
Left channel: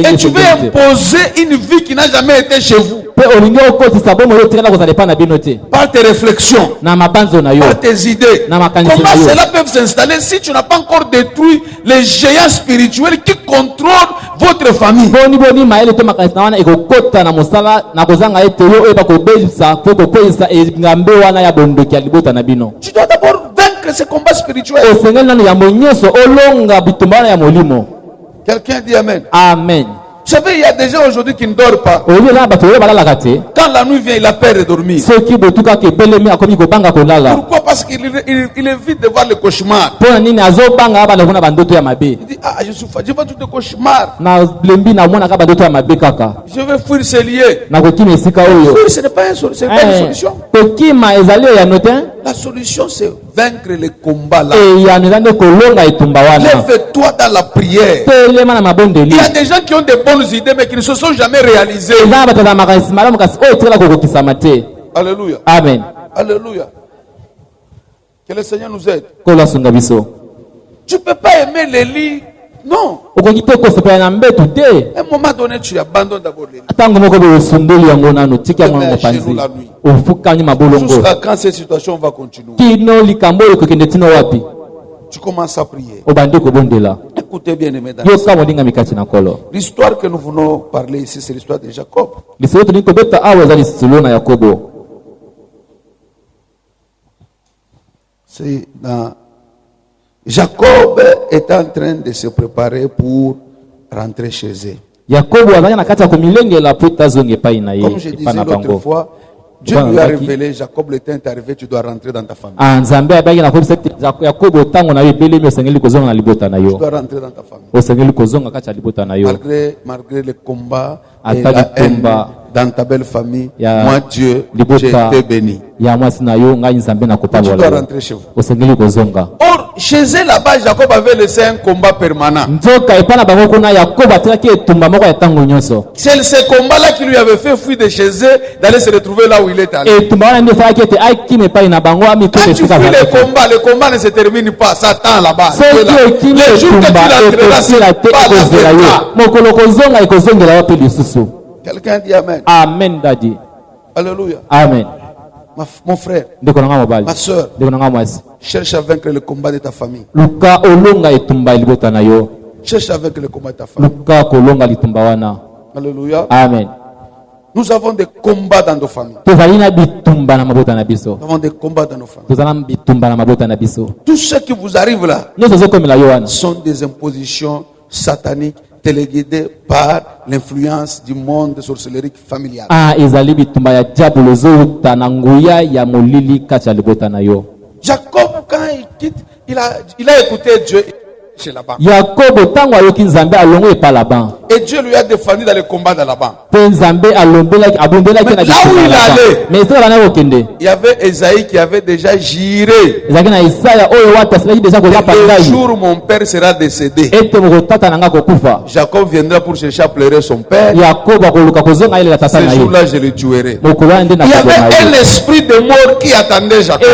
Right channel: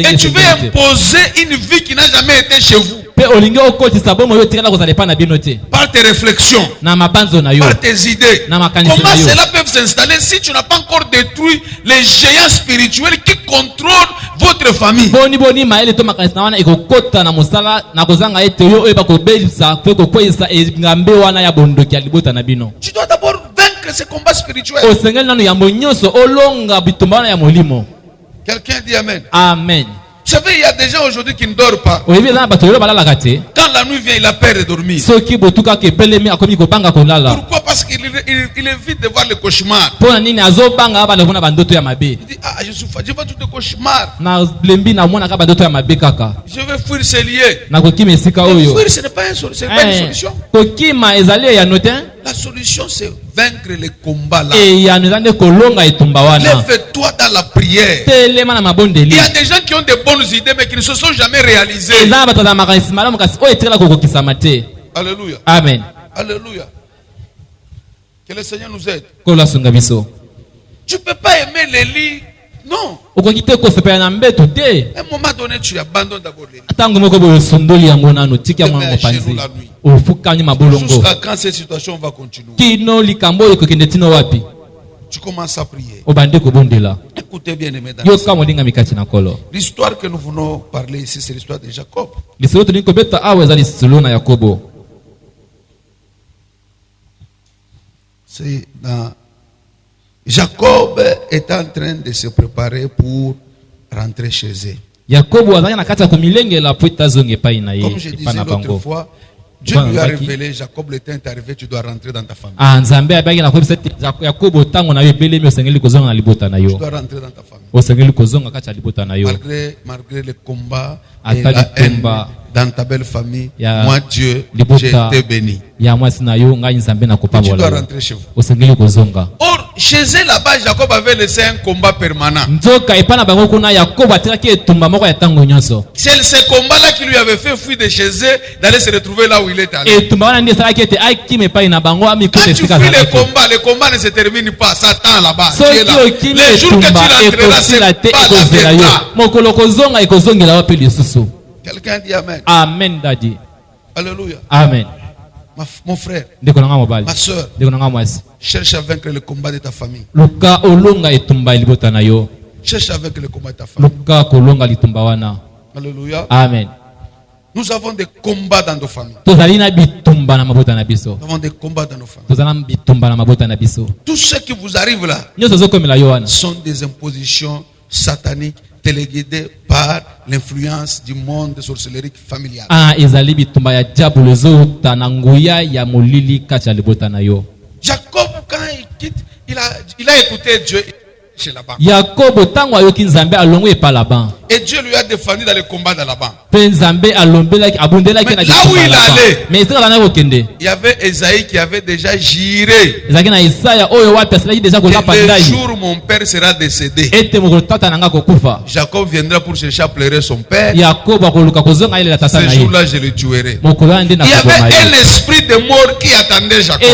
Et tu veux imposer une vie qui n'a jamais été chez vous. Par tes réflexions, par tes idées. Comment cela peut s'installer si tu n'as pas encore détruit les géants spirituels qui contrôlent votre famille? Tu dois d'abord vaincre ce combat spirituel. Quelqu'un dit Amen. Amen. Vous savez, il y a des gens aujourd'hui qui ne dorment pas. Quand la nuit vient, il a peur de dormir. Pourquoi? Parce qu'il évite de voir le cauchemar. Il dit, ah, je suis fatigué, je vois tout le cauchemar. Je vais fuir ces lieux. Fuir, ce n'est pas une solution. La solution, c'est vaincre les combats là. Lève-toi dans la prière. Il y a des gens qui ont de bonnes idées mais qui ne se sont jamais réalisées. Alléluia. Amen. Alléluia. Que le Seigneur nous aide. Tu ne peux pas aimer les lits. Non. À un moment donné, tu abandonnes d'abord les lits. Jusqu'à quand cette situation va continuer? Tu commences à prier. Écoutez bien, aimés, l'histoire que nous venons parler ici, c'est l'histoire de Jacob. C'est dans... Jacob est en train de se préparer pour rentrer chez eux. Comme je disais l'autre fois, Dieu lui a révélé, Jacob, le temps est arrivé, tu dois rentrer dans ta famille. Tu dois rentrer dans ta famille. Malgré le combat, et la haine dans ta belle famille, moi Dieu, j'ai été béni. Tu dois rentrer chez vous. Or, chez eux là-bas, Jacob avait laissé un combat permanent. C'est ce combat-là qui lui avait fait fuir de chez eux, d'aller se retrouver là où il est allé. Quand tu fuis le combat ne se termine pas, ça attend là-bas. Les jours que tu l'entreras, c'est pas la victoire. Quelqu'un dit Amen. Amen, Daddy. Alléluia. Amen. Mon frère, ma soeur, cherche à vaincre le combat de ta famille. Cherche à vaincre le combat de ta famille. Alléluia. Amen. Nous avons des combats dans nos familles. Nous avons des combats dans nos familles. Tout ce qui vous arrive là sont des impositions sataniques téléguidées par l'influence du monde de sorcellerie familiale. Jacob, quand il quitte, il a écouté Dieu chez Laban. Et Dieu lui a défendu dans le combat de Laban. Mais là où il allait, il y avait Esaïe qui avait déjà juré. Le jour où mon père sera décédé, Jacob viendra pour chercher à pleurer son père. Ce jour-là, je le tuerai. Il y avait un esprit de mort qui attendait Jacob.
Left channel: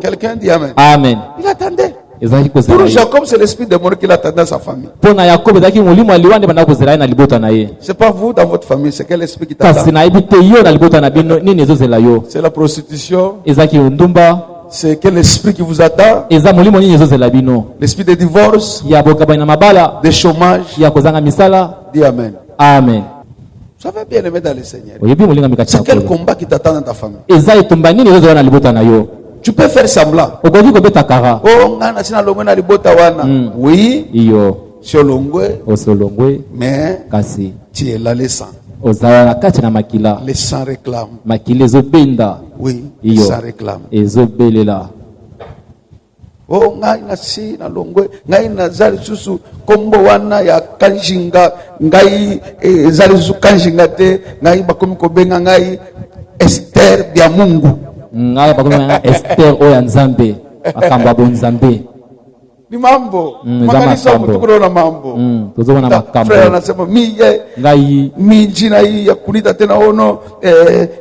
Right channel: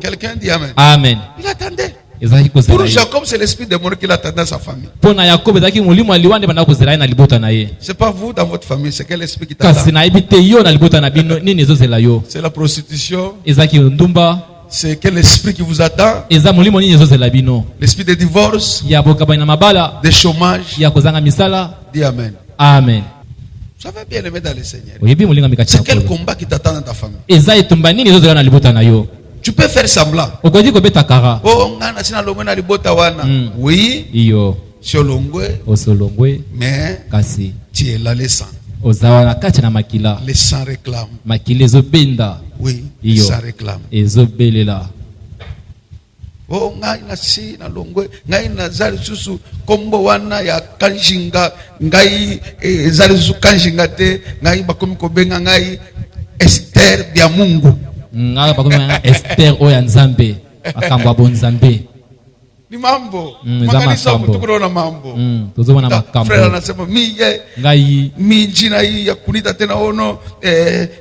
Quelqu'un dit Amen. Amen. Il attendait. Pour Jacob, c'est l'esprit de mort qui l'attendait dans sa famille. C'est pas vous dans votre famille, c'est quel esprit qui t'attend? C'est la prostitution. C'est quel esprit qui vous attend? L'esprit de divorce, de chômage. Dis Amen. Amen. Ça va bien aimer dans le Seigneur. C'est quel combat qui t'attend dans ta famille? Tu peux faire semblant. Oh, oui, mais tu es là, le sang. Le sang réclame. Oui, le sang réclame. Oh, ngai nasi na longwe, ngai na zali susu kombo wana ya kanjinga, ngai zali susu kanjinga te, ngai bakomi kobenga ngai Esther bya Mungu. Esther oyanzambe akamba bonzambe ni mambo makanisa mtukuro mambo tuzobona makambo frère anasema miye ngai mi jina hii ya kunita tena ono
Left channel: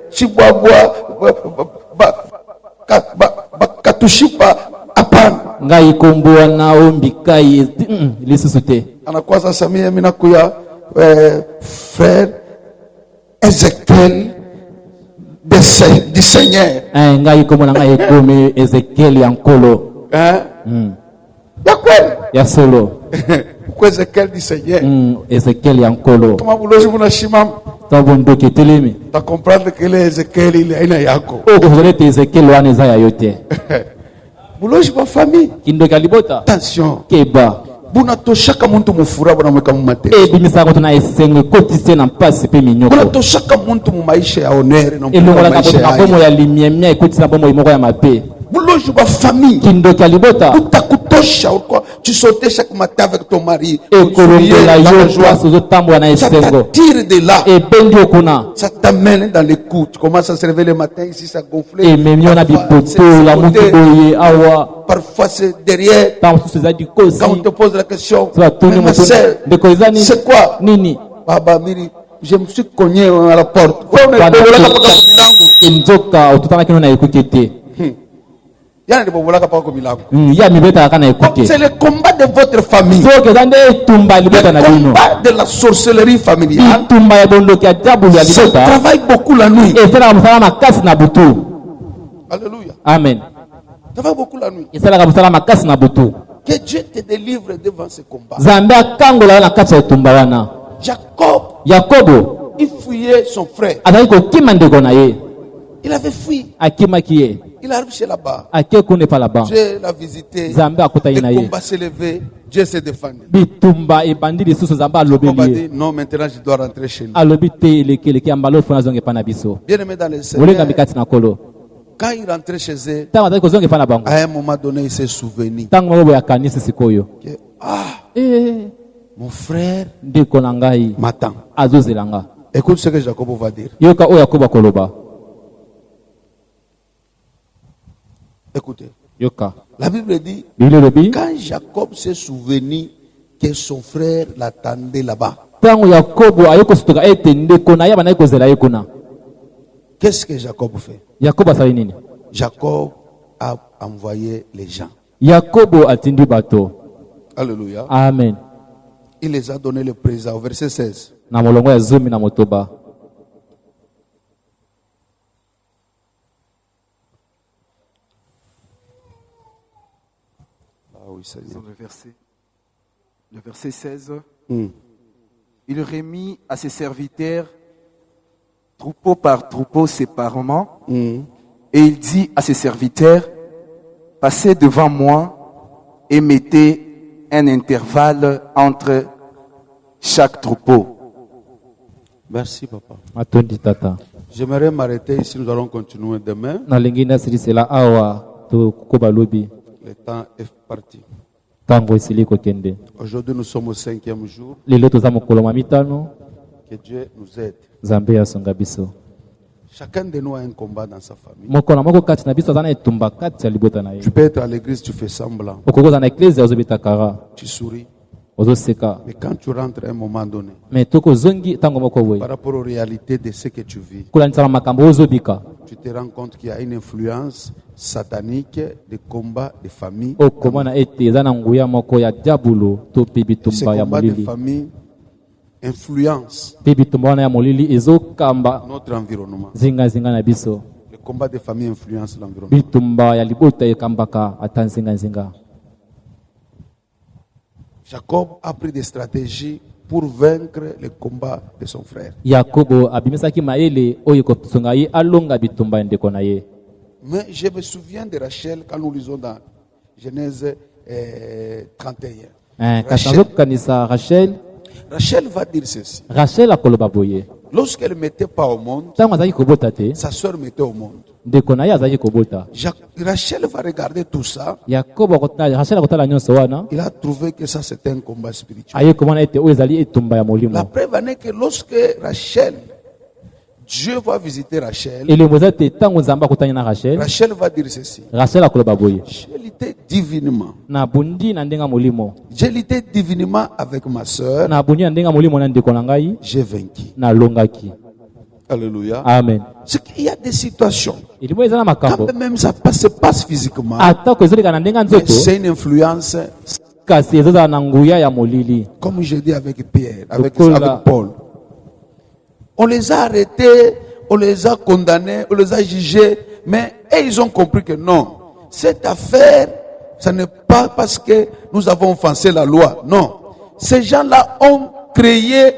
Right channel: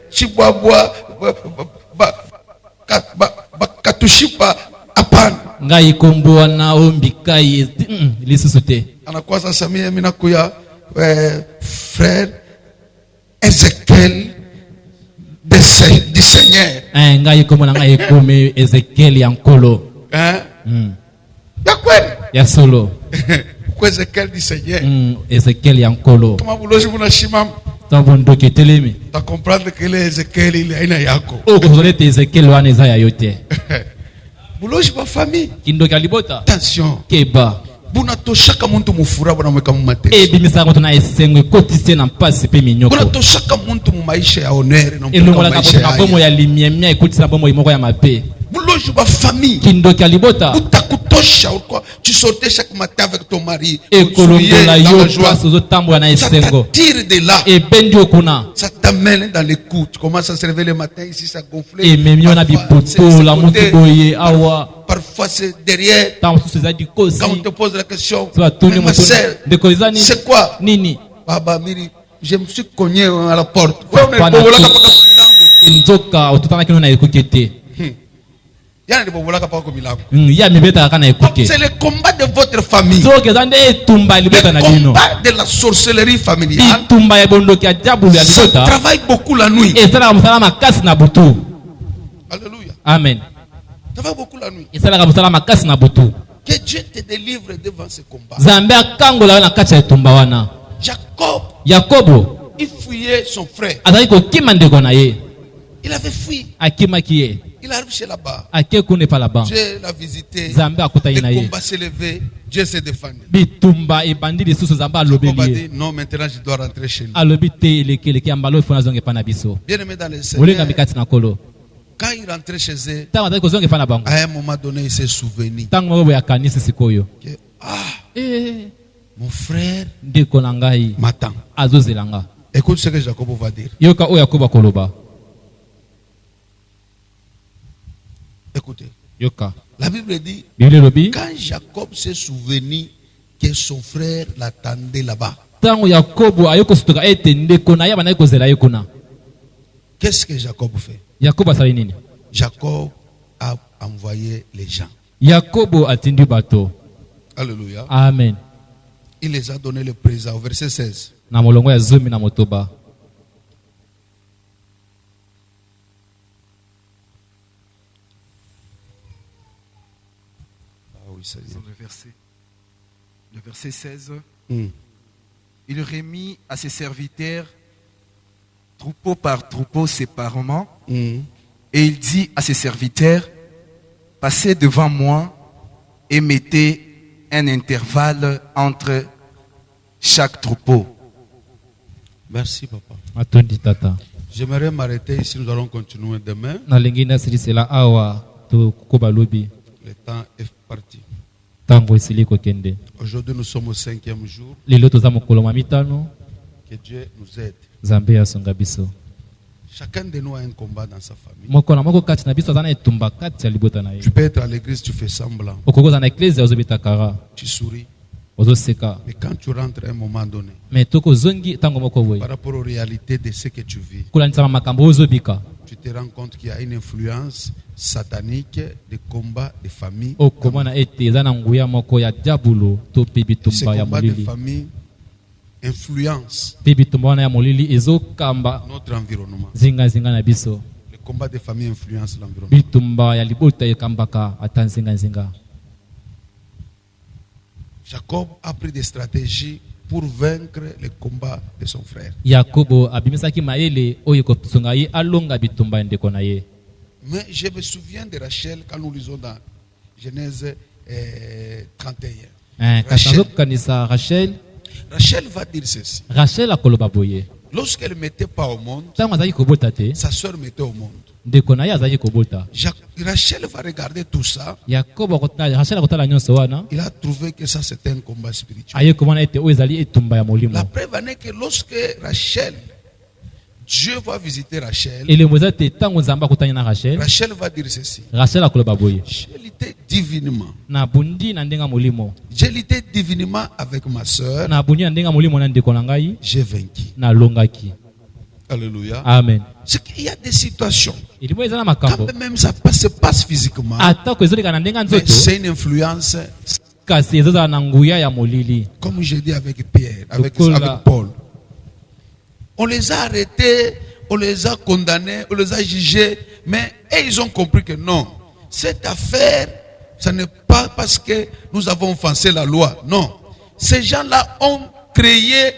chibwabwa katushipa hapana ngai komboa na ombikai lisusu te anakuwa sasa mimi nakuya frère Ezekiel du Seigneur. Ngai komona ngai komi Ezekiel yankolo. Ya kweli? Ya solo. Kwa Ezekiel du Seigneur. Ezekiel yankolo. Kama buloji munashimama. Tabondo ketelemi. Ta comprendre que le Ezekiel il aina yako. Kozolete Ezekiel wana eza ya yote. Buloji ba famille. Kindoka libota. Attention. Keba. Buna toshaka muntu mufura bwana mweka mumate. Bimisa ko tuna esengwe kotise na mpasi pe minyoko. Buna toshaka muntu mu maisha ya honneur na maisha ya bomo ya limiemia ekotisa bomo imoko ya mape. Buloji ba famille. Kindoka libota. Utakutosha uko tu sortais chaque matin avec ton mari. Ekolongola yo place ozotambola na esengo. Tire de là. Et bendio kuna. Ça t'amène dans les coups. Tu commences à se réveiller le matin ici ça gonfle. Et même on a bipoto la mutu boye awa. Parfois c'est derrière. Quand on te pose la question, c'est quoi? Nini? Baba Miri, je me suis cogné à la porte. C'est le combat de votre famille. Le combat de la sorcellerie familiale. Ça travaille beaucoup la nuit. Alléluia. Amen. Ça va beaucoup la nuit. Que Dieu te délivre devant ce combat. Jacob, il fuyait son frère. Il avait fui. Il arrive chez là-bas. Dieu l'a visité. Le combat s'est levé. Dieu s'est défendu. Jacob a dit non, maintenant je dois rentrer chez lui. Bien aimé dans le Seigneur. Quand il rentrait chez eux, à un moment donné, il s'est souvenu. mon frère ndeko na ngai m'attend. azozelanga. Écoute ce que Jacob va dire. Yoka oyo Yakobo akoloba. Écoutez. Yoka. La Bible dit, Bible lobi. quand Jacob s'est souvenu que son frère l'attendait là-bas, Tango Yakobo ayoko sutoka ete ndeko na yaba na kozela yekuna. qu'est-ce que Jacob fait? Yakobo asali nini? Jacob a envoyé les gens. Yakobo atindi bato. Alléluia. Amen. Il les a donné le présent au verset 16. Na molongo ya zomi na motoba. Ah oui, ça y est. Le verset 16. Hmm. Il remit à ses serviteurs, troupeau par troupeau séparément, Hmm. et il dit à ses serviteurs, passez devant moi et mettez un intervalle entre chaque troupeau. Merci, papa. Atondi tata. J'aimerais m'arrêter ici. Nous allons continuer demain. Na lingina sirisela awa to koba lobi. Le temps est parti. Tango esili kokende. Aujourd'hui, nous sommes au 5e jour. Lelo toza mokolo ma mitano. Que Dieu nous aide. Nzambe asonga biso. Chacun de nous a un combat dans sa famille. Moko na moko kati na biso aza na etumba kati ya libota na ye. Tu peux être à l'église, tu fais semblant. Okokoza na eklezia ozobeta kara. Tu souris. Ozoseka. Mais quand tu rentres à un moment donné, Mais toko zongi tango moko boye. par rapport aux réalités de ce que tu vis, Kulanisama makambo ozobika. tu te rends compte qu'il y a une influence satanique des combats de famille. Okomana ete eza na nguya moko ya diabolo to pe Ces bitumba ya combats de molili. famille influencent Pe bitumba wana ya molili ezokamba notre environnement. zinga na biso. Les combats de famille influencent l'environnement. Bitumba ya libota ekambaka ata zinga. Jacob a pris des stratégies pour vaincre les combats de son frère. Yakobo abimisaki maele oyo kosonga ye alonga bitumba ya ndeko na ye. Mais je me souviens de Rachel quand nous lisons dans Genèse 31. Kasi nazokanisa Rachel va dire ceci. Rachel akoloba boye. Lorsqu'elle ne mettait pas au monde, Ntango azalaki kobota te, sa soeur mettait au monde. ndeko na ye azalaki kobota. Rachel va regarder tout ça. Rachel akotala nyonso wana, Il a trouvé que ça c'était un combat spirituel. aye komona ete oyo ezali etumba ya molimo. La preuve en est que lorsque Rachel, Dieu va visiter Rachel, Elembo eza te ntango Nzambe akutani na Rachel, Rachel va dire ceci. Rachel akoloba boye. J'ai lutté divinement. Na bundi na ndenga molimo. J'ai lutté divinement avec ma soeur. Na bundi na ndenga molimo na ndeko na ngai, J'ai vaincu. na longaki. Alléluia. Amen. C'est qu'il y a des situations. Elimo eza na makambo. Quand même ça se passe physiquement, Atako ezoleka na ndenga mais nzoto, c'est une influence, kasi ezozala na nguya ya molili. comme j'ai dit avec Pierre, avec Lokola. Paul. On les a arrêtés, on les a condamnés, on les a jugés, mais ils ont compris que non, cette affaire, ce n'est pas parce que nous avons offensé la loi. Non. Ces gens-là ont créé,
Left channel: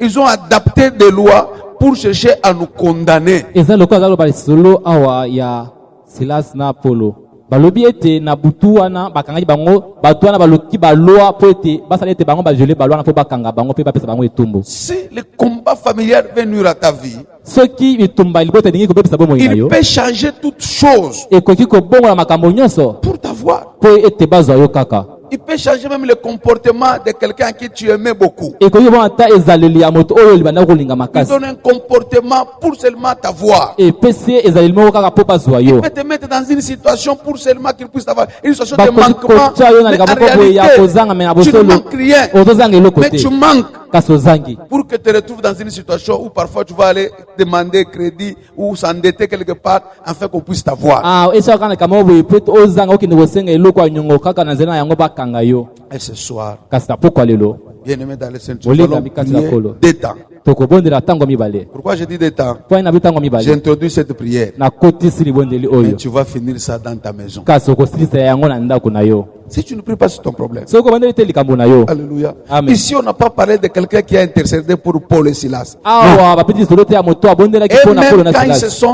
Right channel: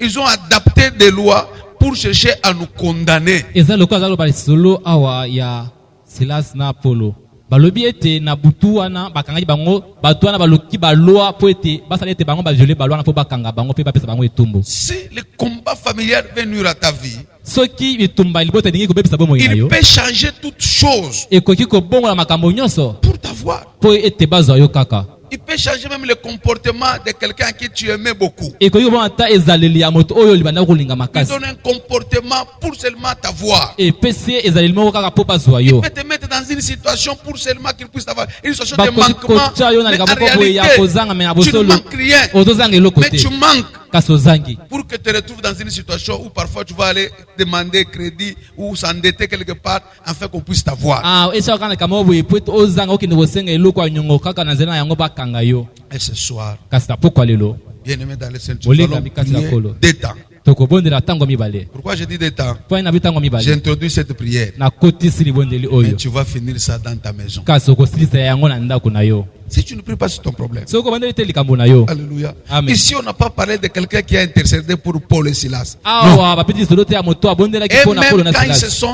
ils ont adapté des lois pour chercher à nous condamner. Eza lokola zaloba solo awa ya Silas na Apollo. Balobi ete na butu wana bakangaki bango batu wana baloki baloa po ete basala ete bango bajole baloa na po bakanga bango pe bapesa bango etumbu. Si le combat familial vient nuire à ta vie, Soki bitumba libota ndingi kobebisa bomo il yo. peut changer toutes choses Ekoki kobongola makambo nyonso pour t'avoir. po ete bazwa yo kaka. Il peut changer même le comportement de quelqu'un qui tu aimais beaucoup. Ekoki kobonga ta ezaleli ya moto oyo libanda kolinga Il makasi. donne un comportement pour seulement t'avoir. Et pesi ezaleli moko kaka po bazwa yo. Il peut te mettre dans une situation pour seulement qu'il puisse avoir une situation de Bakoki manquement. kotia yo na Mais en likambo boye ya réalité, kozanga me na tu ne bosolo. manques rien. Ozozanga eloko Mais te. tu manques Kasi ozangi. pour que tu te retrouves dans une situation où parfois tu vas aller demander crédit ou s'endetter quelque part afin qu'on puisse t'avoir. Ah, esa kana kama boye po ete ozanga okende kosenga eloko ya nyongo kaka na nzela na yango bakanga yo. Et ce soir, Kasi na pokwa lelo bien aimé dans le Seigneur, nous Olinga allons mikati ya prier kolo. des temps. tokobondela ntango mibale. Pourquoi je dis des temps? Po na bitango mibale. J'introduis cette prière. Nakotisi libondeli Mais oyo. tu vas finir ça dans ta maison. Kasi okosilisa yango na ndako na yo. Si tu ne pries pas, c'est ton problème. Soki okobandeli te likambo na yo. Alléluia. Amen. Ici, on n'a pas parlé de quelqu'un qui a intercédé pour Paul et Silas. Awa bapeti solo te ya moto abondelaki Et mpo na Paulo même na quand Silas.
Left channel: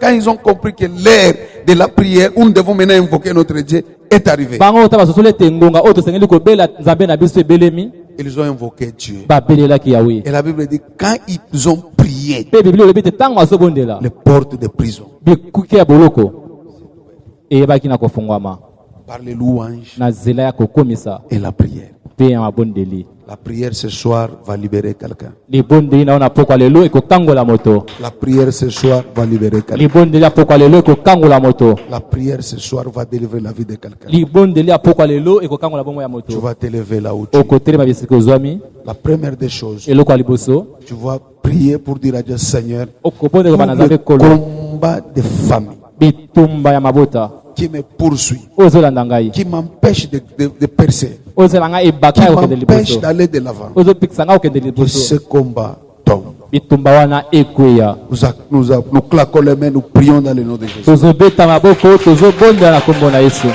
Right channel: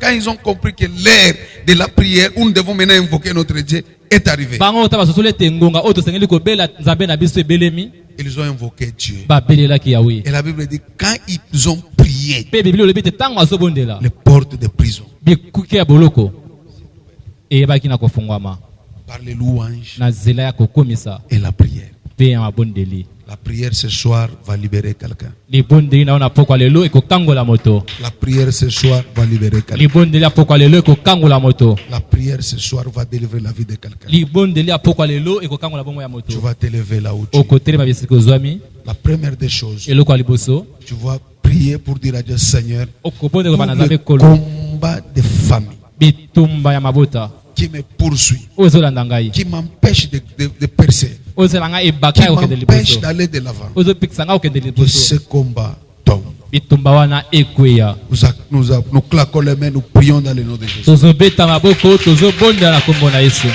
quand ils ont compris que l'ère de la prière où nous devons maintenant invoquer notre Dieu est arrivée, Bango ta basosolo ete ngonga oyo tosengeli kobela nzambe na biso ebelemi ils ont invoqué Dieu. babelelaki yawe. Et la Bible dit quand ils ont prié, Mpe biblia olobi ete ntango azobondela les portes de prison, bikuke ya boloko eyebaki na kofungwama par les louanges na nzela ya kokomisa et la prière. mpe mpe ya mabondeli. La prière ce soir va libérer quelqu'un. Libondeli na ona pokwa lelo ekokangola moto. La prière ce soir va libérer quelqu'un. Libondeli apokwa lelo ekokangola moto. La prière ce soir va délivrer la vie de quelqu'un. Libondeli apokwa lelo ekokangola bomo ya Tu moto. vas t'élever là où tu es. Okotelema bisika ozwami La première des choses, eloko ya liboso tu vas prier pour dire à Dieu, Seigneur, okobondela pour bana nzambe le kolo combat de famille bitumba ya mabota qui me poursuit, ozolanda ngai qui m'empêche de percer, ozela ngai ebaka qui ya kokende m'empêche liboso d'aller de l'avant. ozopikisa ngai kokende Que liboso ce combat tombe. bitumba wana ekweya Nous claquons les mains, nous prions dans le nom de Jésus. tozobeta maboko tozobondela na kombo na Yesu.